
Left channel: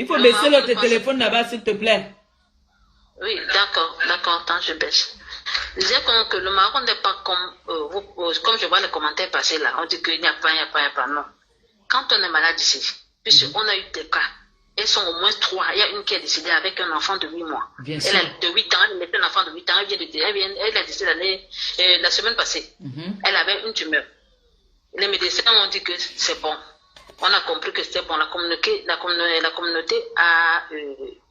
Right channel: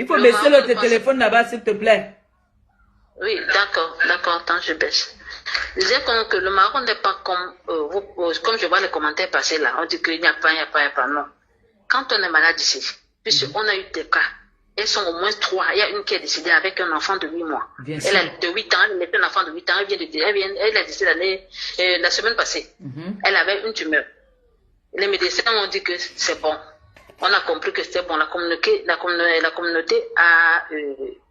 Il faut baisser l'autre téléphone là-bas, s'il te plaît. Oui, d'accord, attends, je baisse. Je disais que le Maroc n'est pas comme comme je vois les commentaires passer là, on dit qu'il n'y a pas, non. Quand on est malade ici, puisqu'on a eu des cas, elles sont au moins 3. Il y a une qui est décédée avec un enfant de 8 mois. Bien sûr. Elle a de 8 ans, elle était un enfant de 8 ans, elle a décédé la semaine passée. Elle avait une tumeur. Les médecins ont dit que c'est bon. On a compris que c'était bon. La communauté a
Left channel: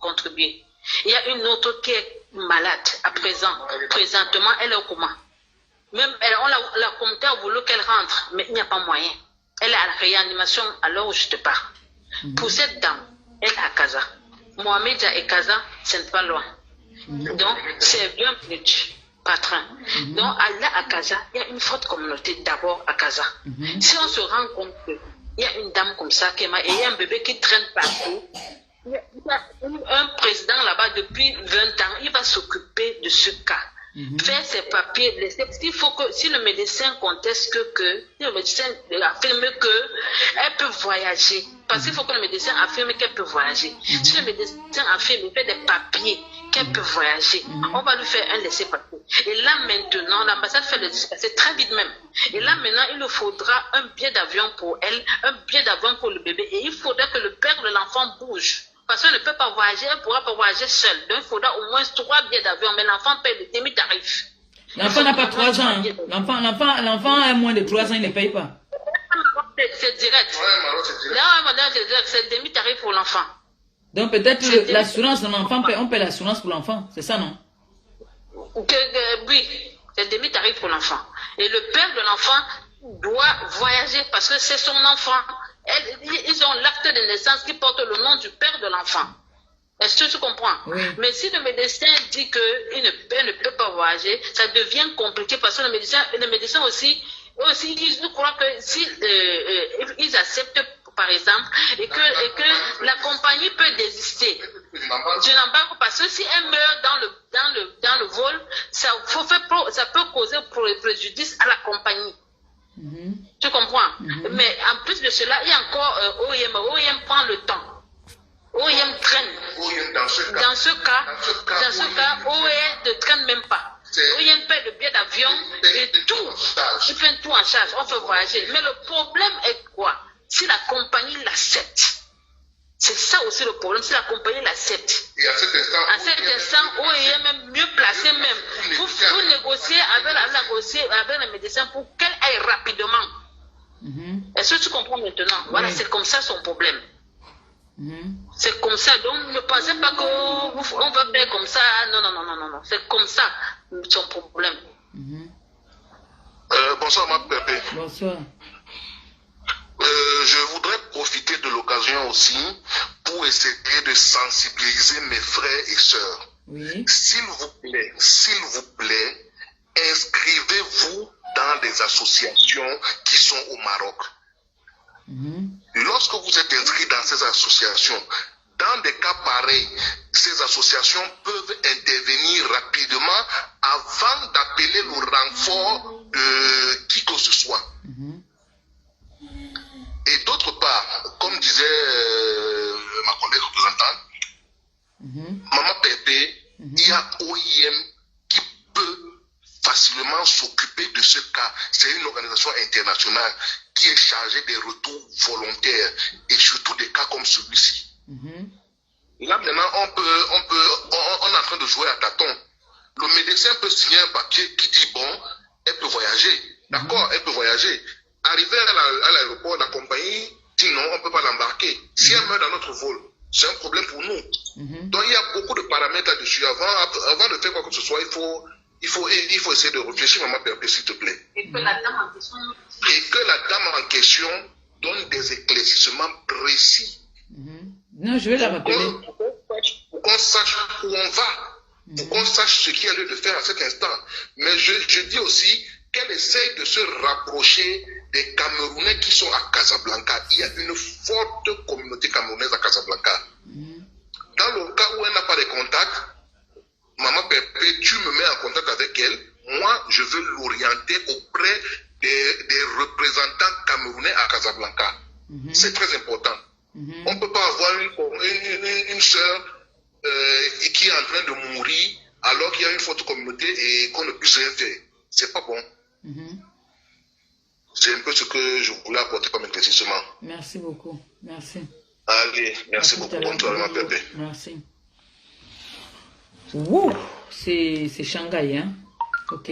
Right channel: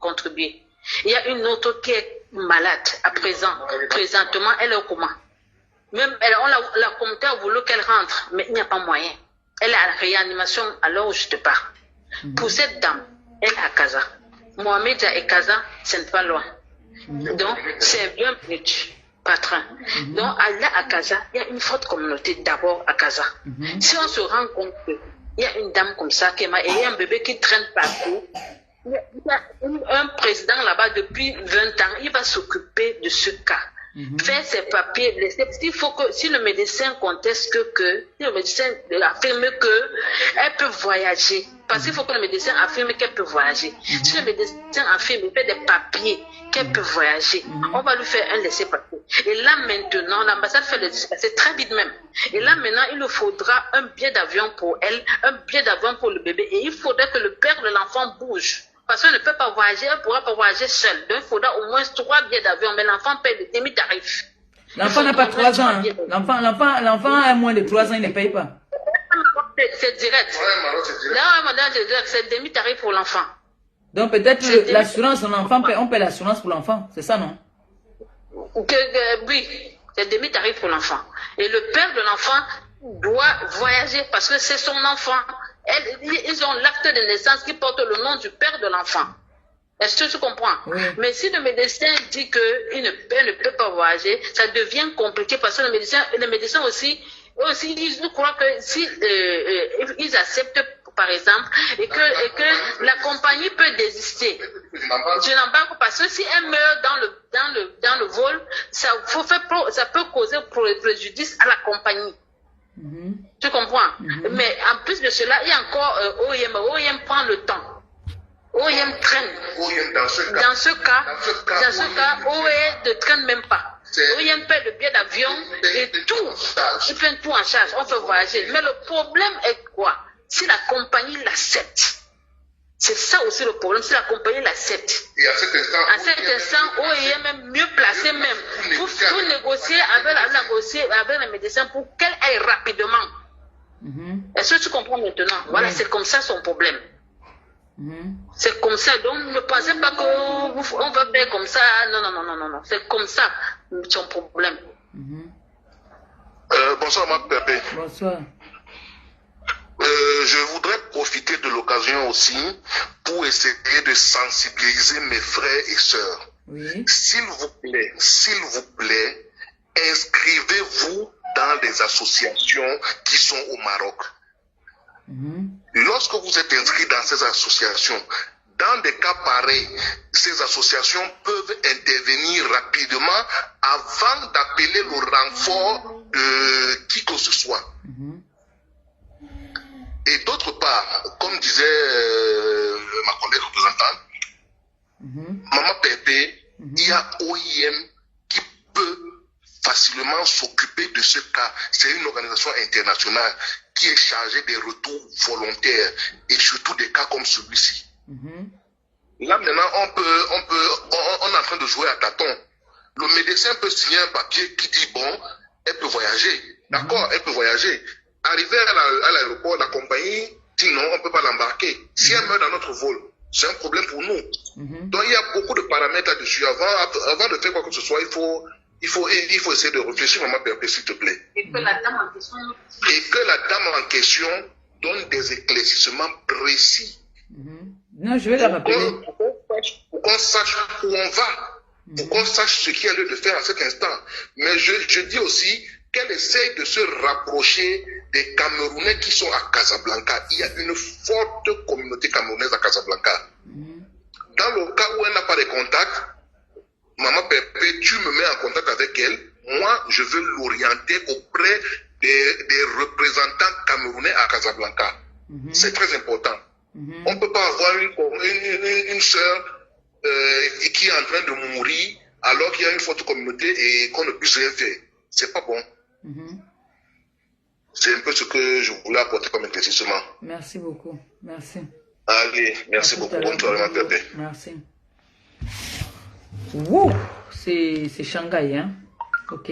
contribué. Il y a une autre qui est malade à présent. Présentement, elle est au coma. Même la communauté a voulu qu'elle rentre, mais il n'y a pas moyen. Elle est à la réanimation à l'heure où je te parle. Pour cette dame, elle est à Casa. Mohamed et Casa, ce n'est pas loin. Donc, c'est bien petit, pas train. Donc, aller à Casa, il y a une forte communauté d'abord à Casa. Si on se rend compte qu'il y a une dame comme ça, et il y a un bébé qui traîne partout, il y a un président là-bas depuis 20 ans, il va s'occuper de ce cas. Faire ses papiers, si le médecin conteste si le médecin affirme qu'elle peut voyager, parce qu'il faut que le médecin affirme qu'elle peut voyager. Si le médecin affirme, il fait des papiers qu'elle peut voyager, on va lui faire un laissez-passer. Et là maintenant, l'ambassade fait le laissez-passer très vite même. Et là maintenant, il nous faudra un billet d'avion pour elle, un billet d'avion pour le bébé, et il faudra que le père de l'enfant bouge. Parce qu'elle ne peut pas voyager, elle ne pourra pas voyager seule. Donc, il faudra au moins 3 billets d'avion. Mais l'enfant paye le demi-tarif. L'enfant n'a pas 3 ans. Hein. L'enfant a moins de 3 ans, il ne paye pas. c'est direct. Ouais, Maroc, c'est direct. Non, madame, c'est direct, c'est demi-tarif pour l'enfant. Donc peut-être l'assurance de l'enfant, on paie l'assurance pour l'enfant, c'est ça, non? Oui, c'est demi-tarif pour l'enfant. Et le père de l'enfant doit voyager parce que c'est son enfant. Ils ont l'acte de naissance qui porte le nom du père de l'enfant. Est-ce que tu comprends? Oui. Mais si le médecin dit qu'il ne peut pas voyager, ça devient compliqué parce que le médecin aussi ils croient que si ils acceptent, par exemple, et que la compagnie peut désister. Je n'embarque parce que si elle meurt dans le vol, ça peut causer préjudice à la compagnie. Tu comprends? Mais en plus de cela, il y a encore OIM. OIM prend le temps. OIM traîne. Dans ce cas, OIM ne traîne même pas. OIM paie le billet d'avion et tout. Il fait tout en charge. On fait voyager. Mais le problème est quoi? Si la compagnie l'accepte. C'est ça aussi le problème, si la compagnie l'accepte. Et à cet instant, OIM est mieux placé même pour négocier avec le médecin pour qu'elle aille rapidement. Est-ce que tu comprends maintenant? Voilà, c'est comme ça son problème. C'est comme ça. Donc ne pensez pas qu'on va faire comme ça. Non. C'est comme ça son problème. Bonsoir, Mme Pépé. Bonsoir. Je voudrais profiter de l'occasion aussi pour essayer de sensibiliser mes frères et sœurs. Oui. S'il vous plaît, inscrivez-vous dans des associations qui sont au Maroc. Lorsque vous êtes inscrit dans ces associations, dans des cas pareils, ces associations peuvent intervenir rapidement avant d'appeler le renfort de qui que ce soit. Et d'autre part, comme disait ma collègue représentante, Maman Pépé, il y a OIM qui peut facilement s'occuper de ce cas. C'est une organisation internationale qui est chargée des retours volontaires et surtout des cas comme celui-ci. Là maintenant, on est en train de jouer à tâtons. Le médecin peut signer un papier qui dit bon, elle peut voyager. D'accord, elle peut voyager. Arrivé à l'aéroport, la compagnie dit non, on ne peut pas l'embarquer. Si elle meurt dans notre vol, c'est un problème pour nous. Donc il y a beaucoup de paramètres là-dessus. Avant de faire quoi que ce soit, il faut essayer de réfléchir, Maman Pépé, s'il te plaît. Et que la dame en question donne des éclaircissements précis. Non, je vais la rappeler. Pour qu'on sache où on va. Pour qu'on sache ce qu'il y a lieu de faire à cet instant. Mais je dis aussi qu'elle essaye de se rapprocher des Camerounais qui sont à Casablanca. Il y a une forte communauté camerounaise à Casablanca. Dans le cas où elle n'a pas de contact, Maman Pépé, tu me mets en contact avec elle. Moi, je veux l'orienter auprès des représentants camerounais à Casablanca. C'est très important. On ne peut pas avoir une sœur qui est en train de mourir alors qu'il y a une forte communauté et qu'on ne puisse rien faire. C'est pas bon. C'est un peu ce que je voulais apporter comme éclaircissement. Merci beaucoup. Merci. Allez, merci beaucoup. Bonne soirée, ma Pépé. Merci. Wouh, c'est Shanghai, hein? Ok.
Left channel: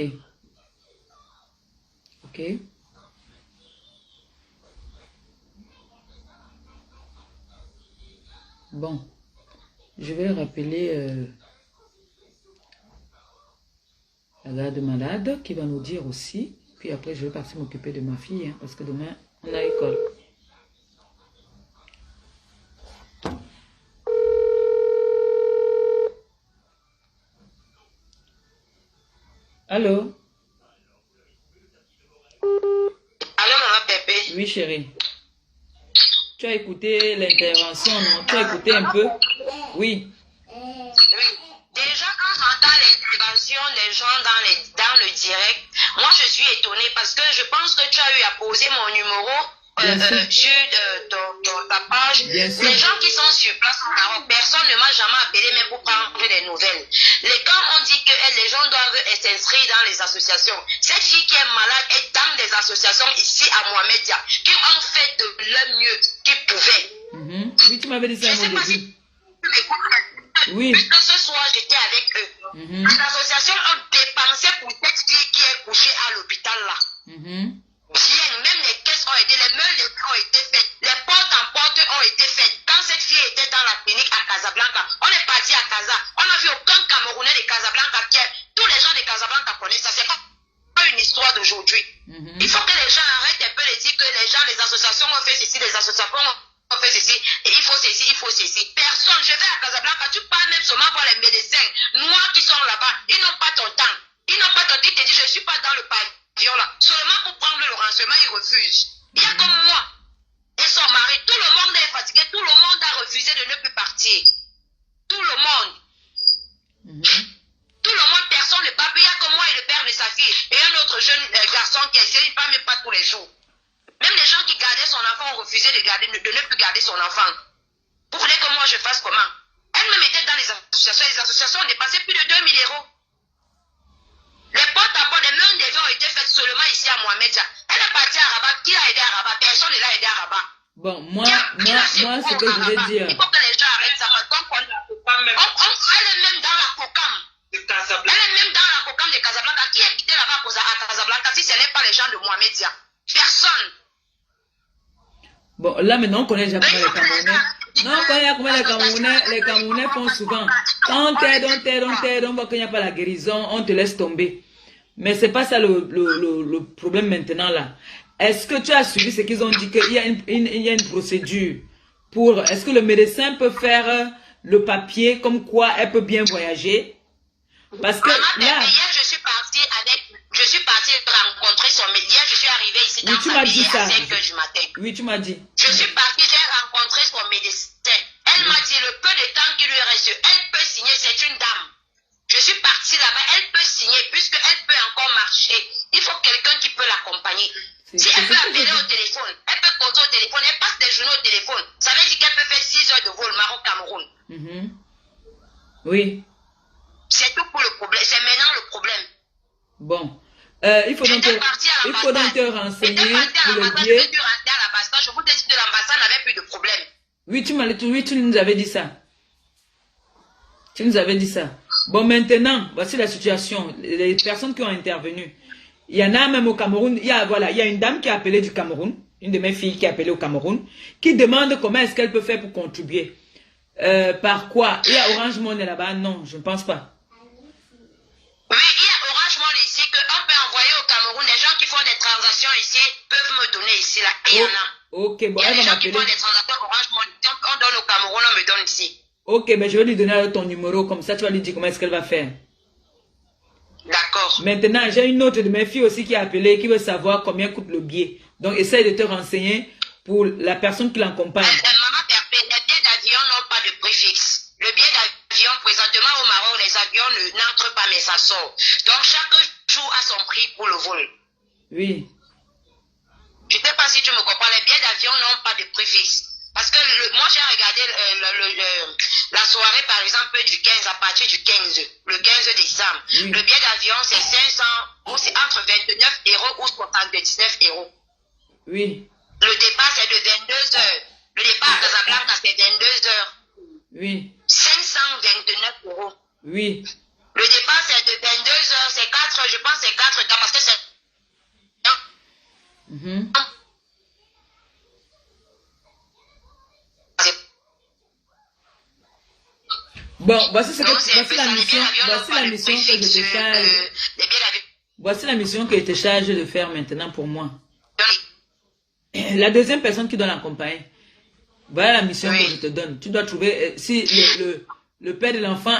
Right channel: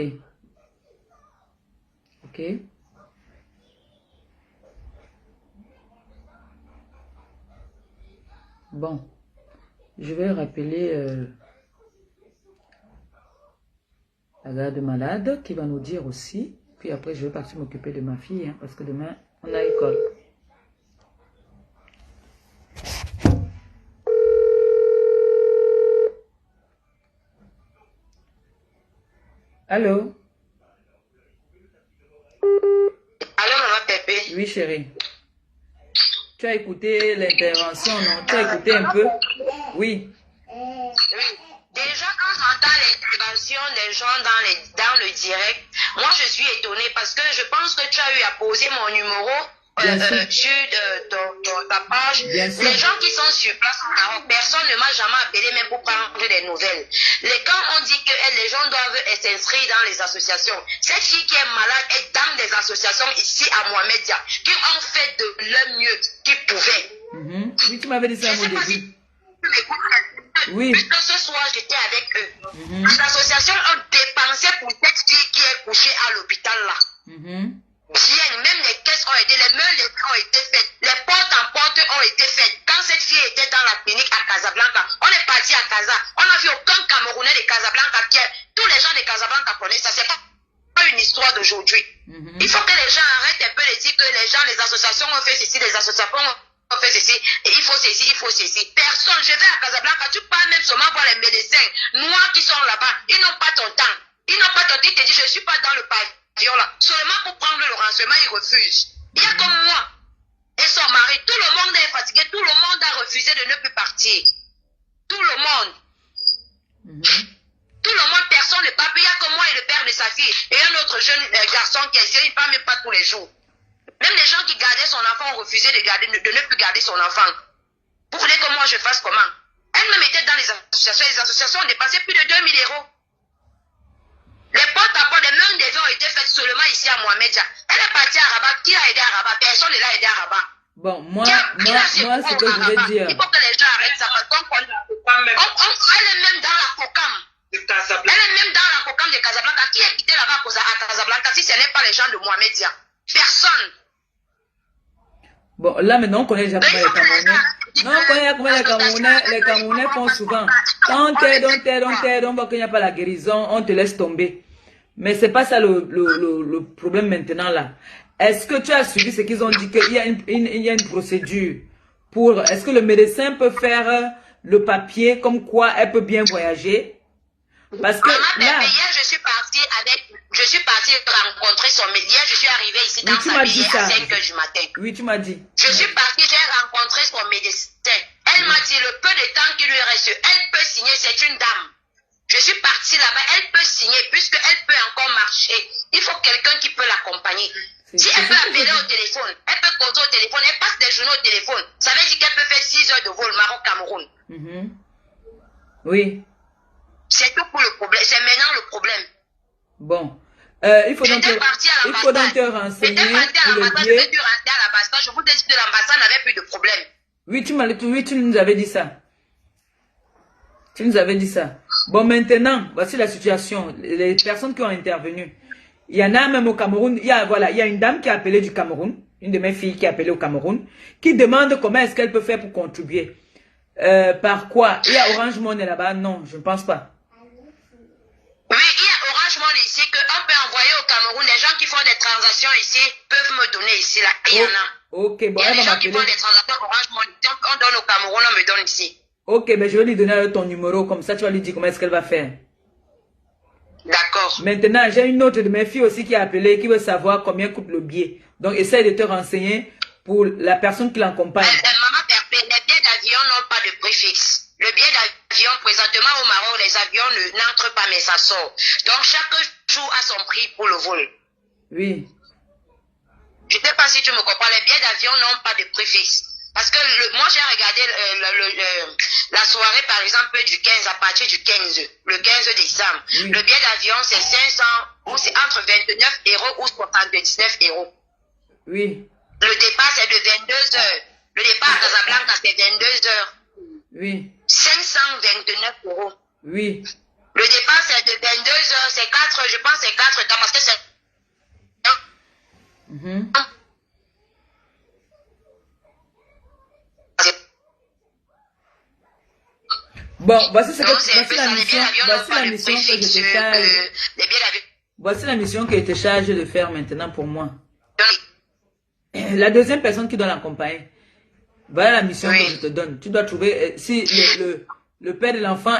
Ok. Bon. Je vais rappeler la garde malade qui va nous dire aussi. Puis après, je vais partir m'occuper de ma fille, hein, parce que demain, on a école. Allô? Allô, Maman Pépé? Oui, chérie. Tu as écouté l'intervention, non? Tu as écouté un peu? Oui. Oui. Déjà, quand j'entends l'intervention des gens dans le direct, moi je suis étonnée parce que je pense que tu as eu à poser mon numéro sur ta page. Bien sûr. Les gens qui sont sur place, personne ne m'a jamais appelé même pour prendre des nouvelles. Quand on dit que les gens doivent s'inscrire dans les associations, cette fille qui est malade est dans des associations ici à Mohamedia, qui ont fait de leur mieux qu'ils pouvaient. Oui, tu m'avais dit ça au début. Oui. Que ce soir, j'étais avec eux. Les associations ont dépensé pour cette fille qui est couchée à l'hôpital là. Bien, même les caisses ont aidé, même les parti à Casa. On n'a vu aucun Camerounais de Casablanca qui est. Tous les gens de Casablanca connaissent ça. C'est pas une histoire d'aujourd'hui. Il faut que les gens arrêtent un peu de dire que les gens, les associations ont fait ceci, les associations ont fait ceci, et il faut ceci, il faut ceci. Personne, je vais à Casablanca, tu parles même seulement voir les médecins noirs qui sont là-bas. Ils n'ont pas ton temps. Ils n'ont pas ton temps. Ils te disent, je ne suis pas dans le pavillon là. Seulement pour prendre le renseignement, ils refusent. Il y a comme moi et son mari. Tout le monde est fatigué. Tout le monde a refusé de ne plus partir. Tout le monde. Tout le monde, personne ne part. Il y a que moi et le père de sa fille. Et un autre jeune garçon qui essaie, il ne part même pas tous les jours. Même les gens qui gardaient son enfant ont refusé de ne plus garder son enfant. Vous voulez que moi je fasse comment? Elle-même était dans les associations. Les associations ont dépensé plus de 2000 €. Les portes à porte, les mains des ont été faites seulement ici à Mohamedia. Elle est partie à Rabat. Qui l'a aidé à Rabat? Personne ne l'a aidé à Rabat. Bon, moi, ce que je veux dire. Il faut que les gens arrêtent ça. Parce elle est même dans la COCAM. Elle est même dans la COCAM de Casablanca. Qui habitait là-bas à Casablanca si ce n'est pas les gens de Mohamedia? Personne. Bon, là maintenant on connaît déjà comment les Camerounais. Non, on connaît comment les Camerounais font souvent. Quand on t'aide, on voit qu'il n'y a pas la guérison, on te laisse tomber. Mais c'est pas ça le problème maintenant là. Est-ce que tu as suivi ce qu'ils ont dit qu'il y a une procédure pour... Est-ce que le médecin peut faire le papier comme quoi elle peut bien voyager? Parce que là... Hier, je suis partie rencontrer son médecin. Hier, je suis arrivée ici oui, tu m'as dit ça. À 5 h du matin. Oui, tu m'as dit. Je suis partie, j'ai rencontré son médecin. Elle m'a dit le peu de temps qui lui reste, elle peut signer, c'est une dame. Je suis partie là-bas, elle peut signer, puisqu'elle peut encore marcher. Il faut quelqu'un qui peut l'accompagner. Si elle peut appeler au téléphone, elle peut causer au téléphone, elle passe des journées au téléphone. Ça veut dire qu'elle peut faire 6 heures de vol Maroc-Cameroun. Oui. C'est tout pour le problème. C'est maintenant le problème. Bon. Il faut donc te renseigner pour le billet. Je vous dis que l'ambassade n'avait plus de problème. Oui, tu nous avais dit ça. Tu nous avais dit ça. Bon, maintenant, voici la situation. Les personnes qui ont intervenu. Il y en a même au Cameroun. Il y a une dame qui a appelé du Cameroun. Une de mes filles qui a appelé au Cameroun. Qui demande comment est-ce qu'elle peut faire pour contribuer. Par quoi? Il y a Orange Money là-bas? Non, je ne pense pas. Oui, il y a Orange Money ici qu'on peut envoyer au Cameroun. Les gens qui font des transactions ici peuvent me donner ici. Là. Il y en a. Ok, bon, elle va m'appeler. Les gens qui font des transactions Orange Money, on donne au Cameroun, on me donne ici. Ok, ben je vais lui donner ton numéro. Comme ça, tu vas lui dire comment est-ce qu'elle va faire. D'accord. Maintenant, j'ai une autre de mes filles aussi qui a appelé, qui veut savoir combien coûte le billet. Donc, essaye de te renseigner pour la personne qui l'accompagne. Maman, les billets d'avion n'ont pas de prix fixe. Le billet d'avion, présentement au Maroc, les avions n'entrent pas, mais ça sort. Donc, chaque jour a son prix pour le vol. Oui. Je ne sais pas si tu me comprends. Les billets d'avion n'ont pas de prix fixe. Parce que moi, j'ai regardé la soirée, par exemple, du 15, à partir du 15, le 15 décembre. Oui. Le billet d'avion, c'est 500, ou c'est entre 29 € ou 79 €. Oui. Le départ, c'est de 22 heures. Le départ à Casablanca, c'est 22 heures. Oui. 529 €. Oui. Le départ, c'est de 22 heures. C'est 4, je pense, c'est 4 cas, parce que c'est... Bon, voici la mission que je te charge. Voici la mission que je te charge de faire maintenant pour moi. La deuxième personne qui doit l'accompagner. Voilà la mission que je te donne. Tu dois trouver si le père de l'enfant,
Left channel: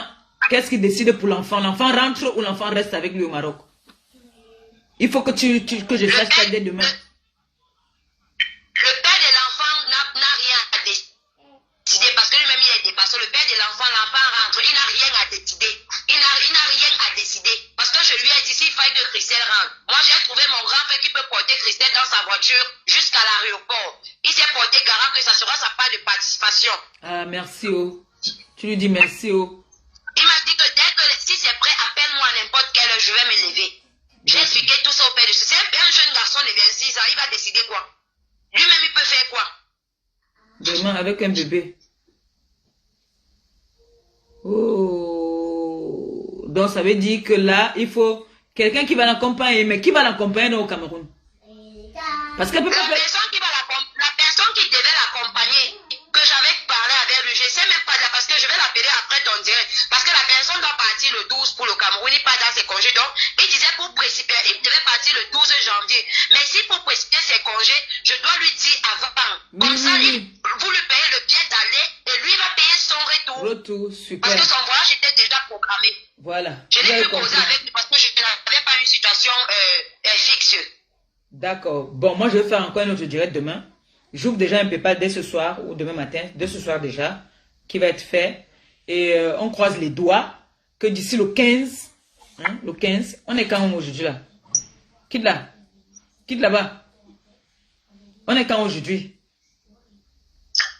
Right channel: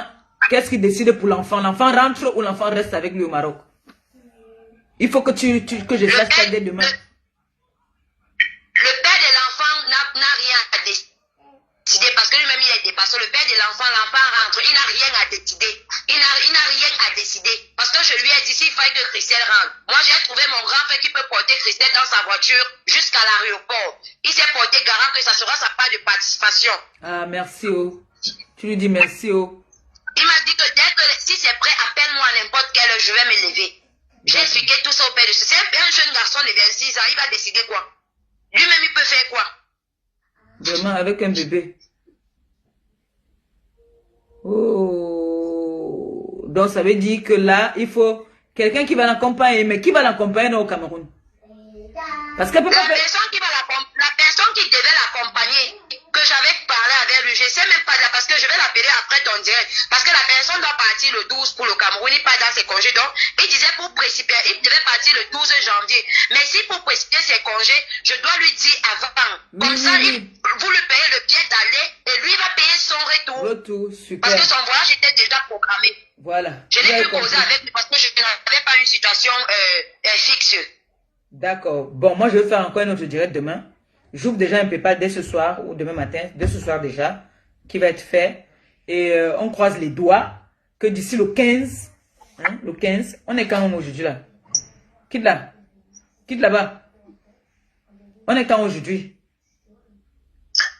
qu'est-ce qu'il décide pour l'enfant? L'enfant rentre ou l'enfant reste avec lui au Maroc? Il faut que je sache ça dès demain. Le père de l'enfant n'a rien à décider parce que lui-même il est dépassé. Le père de l'enfant rentre, il n'a rien à décider. Il n'a rien à décider. Parce que je lui ai dit s'il fallait que Christelle rentre. Moi j'ai trouvé mon grand frère qui peut porter Christelle dans sa voiture jusqu'à l'aéroport. Il s'est porté garant que ça sera sa part de participation. Ah merci oh. Tu lui dis merci oh. Il m'a dit que dès que si c'est prêt, appelle-moi à n'importe quelle heure, je vais me lever. J'ai expliqué tout ça au père de ce. C'est un jeune garçon de 26 ans, il va décider quoi? Lui-même, il peut faire quoi? Vraiment, avec un bébé. Oh. Donc, ça veut dire que là, il faut quelqu'un qui va l'accompagner. Mais qui va l'accompagner au Cameroun? Parce qu'elle peut pas faire... La personne qui devait l'accompagner, que j'avais parlé avec lui, je ne sais même pas, parce que je vais l'appeler après ton direct. parce que la personne doit partir le 12 pour le Cameroun, il n'est pas dans ses congés. Donc, il disait pour précipiter, il devait partir le 12 janvier. Mais si pour précipiter ses congés, je dois lui dire avant. Comme ça, vous lui payez le billet d'aller et lui va payer son retour. Retour, super. Parce que son voyage était déjà programmé. Voilà. Je n'ai plus causé avec lui parce que je n'avais pas une situation fixe. D'accord. Bon, moi, je vais faire encore un autre direct demain. J'ouvre déjà un PayPal dès ce soir ou demain matin, dès ce soir déjà, qui va être fait. Et on croise les doigts que d'ici le 15, hein, le 15, on est quand aujourd'hui là? Quitte là. Quitte là-bas. On est quand aujourd'hui?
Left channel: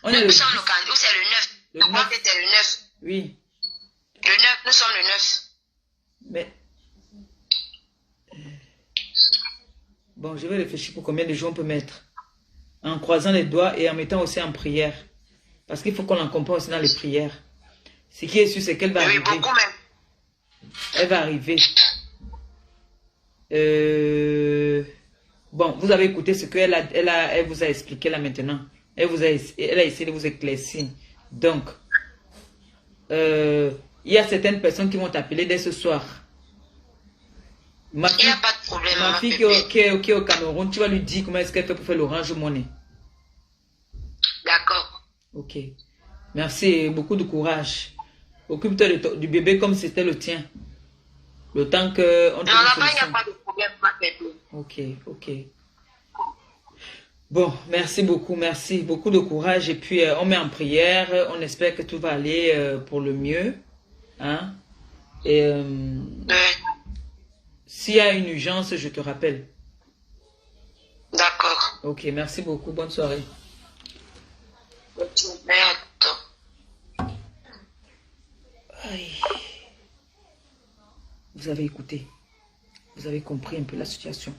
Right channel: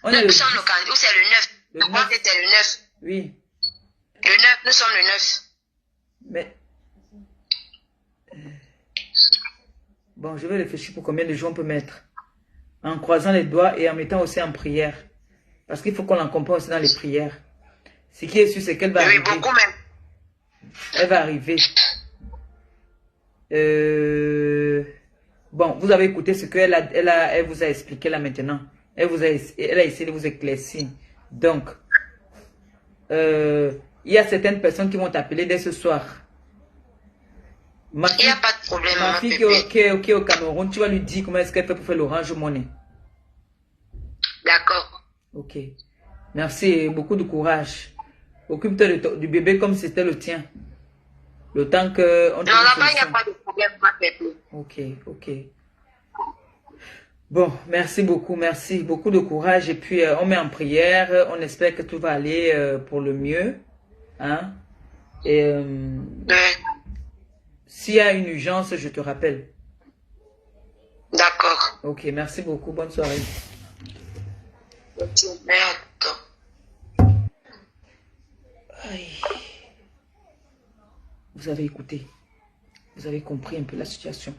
On est nous sommes le 15, ou c'est le 9. Le Je crois 9. que c'était le 9. Oui. Le 9, nous sommes le 9. Mais... Bon, je vais réfléchir pour combien de jours on peut mettre. En croisant les doigts et en mettant aussi en prière. Parce qu'il faut qu'on l'accompagne aussi dans les prières. Ce qui est sûr, c'est qu'elle va arriver. Beaucoup même. Elle va arriver. Bon, vous avez écouté ce qu'elle elle vous a expliqué là maintenant. Elle a essayé de vous éclaircir. Donc, il y a certaines personnes qui vont t'appeler dès ce soir. Ma fille, il n'y a pas de problème. Ma fille qui est au Cameroun, tu vas lui dire comment est-ce qu'elle fait pour faire l'Orange Money. D'accord. Ok. Merci et beaucoup de courage. Occupe-toi du bébé comme si c'était le tien. Le temps qu'on trouve une solution. Il n'y a pas de problème, ma bébé. Ok, ok. Bon, merci beaucoup, merci. Beaucoup de courage. Et puis, on met en prière. On espère que tout va aller pour le mieux. Hein? Et s'il y a une urgence, je te rappelle. D'accord. Ok, merci beaucoup. Bonne soirée. Merde. Aïe. Vous avez écouté. Vous avez compris un peu la situation.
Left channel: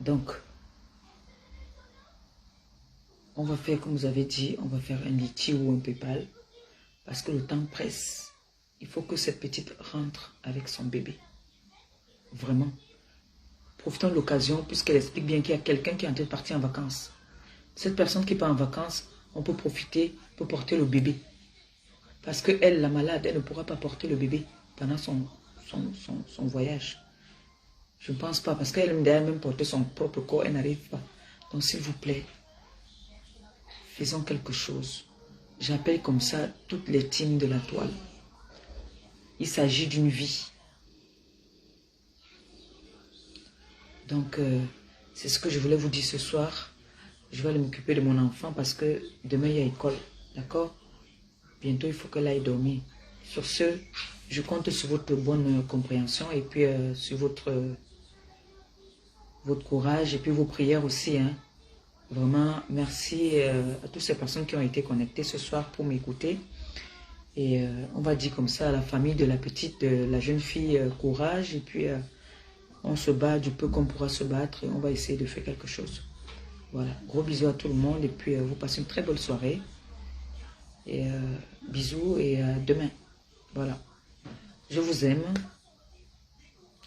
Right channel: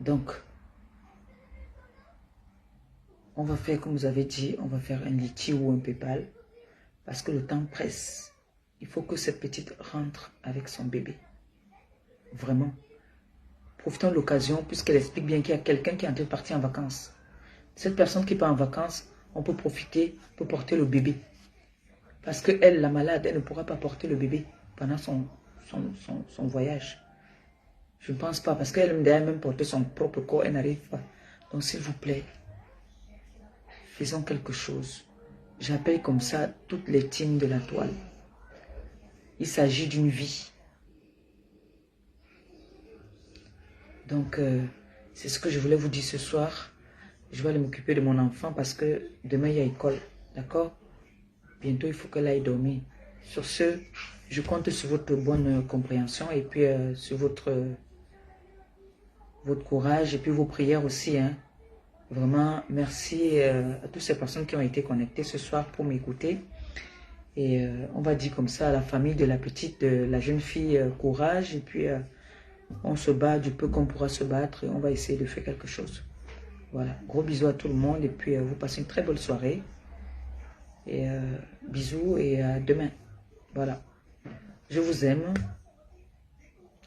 Donc, on va faire comme vous avez dit, on va faire un Litchi ou un PayPal. Parce que le temps presse. Il faut que cette petite rentre avec son bébé. Vraiment. Profitons de l'occasion puisqu'elle explique bien qu'il y a quelqu'un qui est en train de partir en vacances. Cette personne qui part en vacances, on peut profiter pour porter le bébé. Parce que elle, la malade, elle ne pourra pas porter le bébé pendant son voyage. Je ne pense pas, parce qu'elle aime même porter son propre corps, elle n'arrive pas. Donc s'il vous plaît, faisons quelque chose. J'appelle comme ça toutes les teams de la toile. Il s'agit d'une vie. Donc, c'est ce que je voulais vous dire ce soir. Je vais aller m'occuper de mon enfant parce que demain, il y a école. D'accord? Bientôt, il faut qu'elle aille dormir. Sur ce, je compte sur votre bonne compréhension et puis sur votre courage et puis vos prières aussi. Hein. Vraiment, merci à toutes ces personnes qui ont été connectées ce soir pour m'écouter. Et on va dire comme ça à la famille de la petite, de la jeune fille, courage. Et puis, on se bat du peu qu'on pourra se battre et on va essayer de faire quelque chose. Voilà, gros bisous à tout le monde et puis vous passez une très bonne soirée. Et bisous et à demain. Voilà. Je vous aime.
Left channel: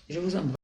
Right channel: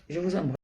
Je vous embrasse.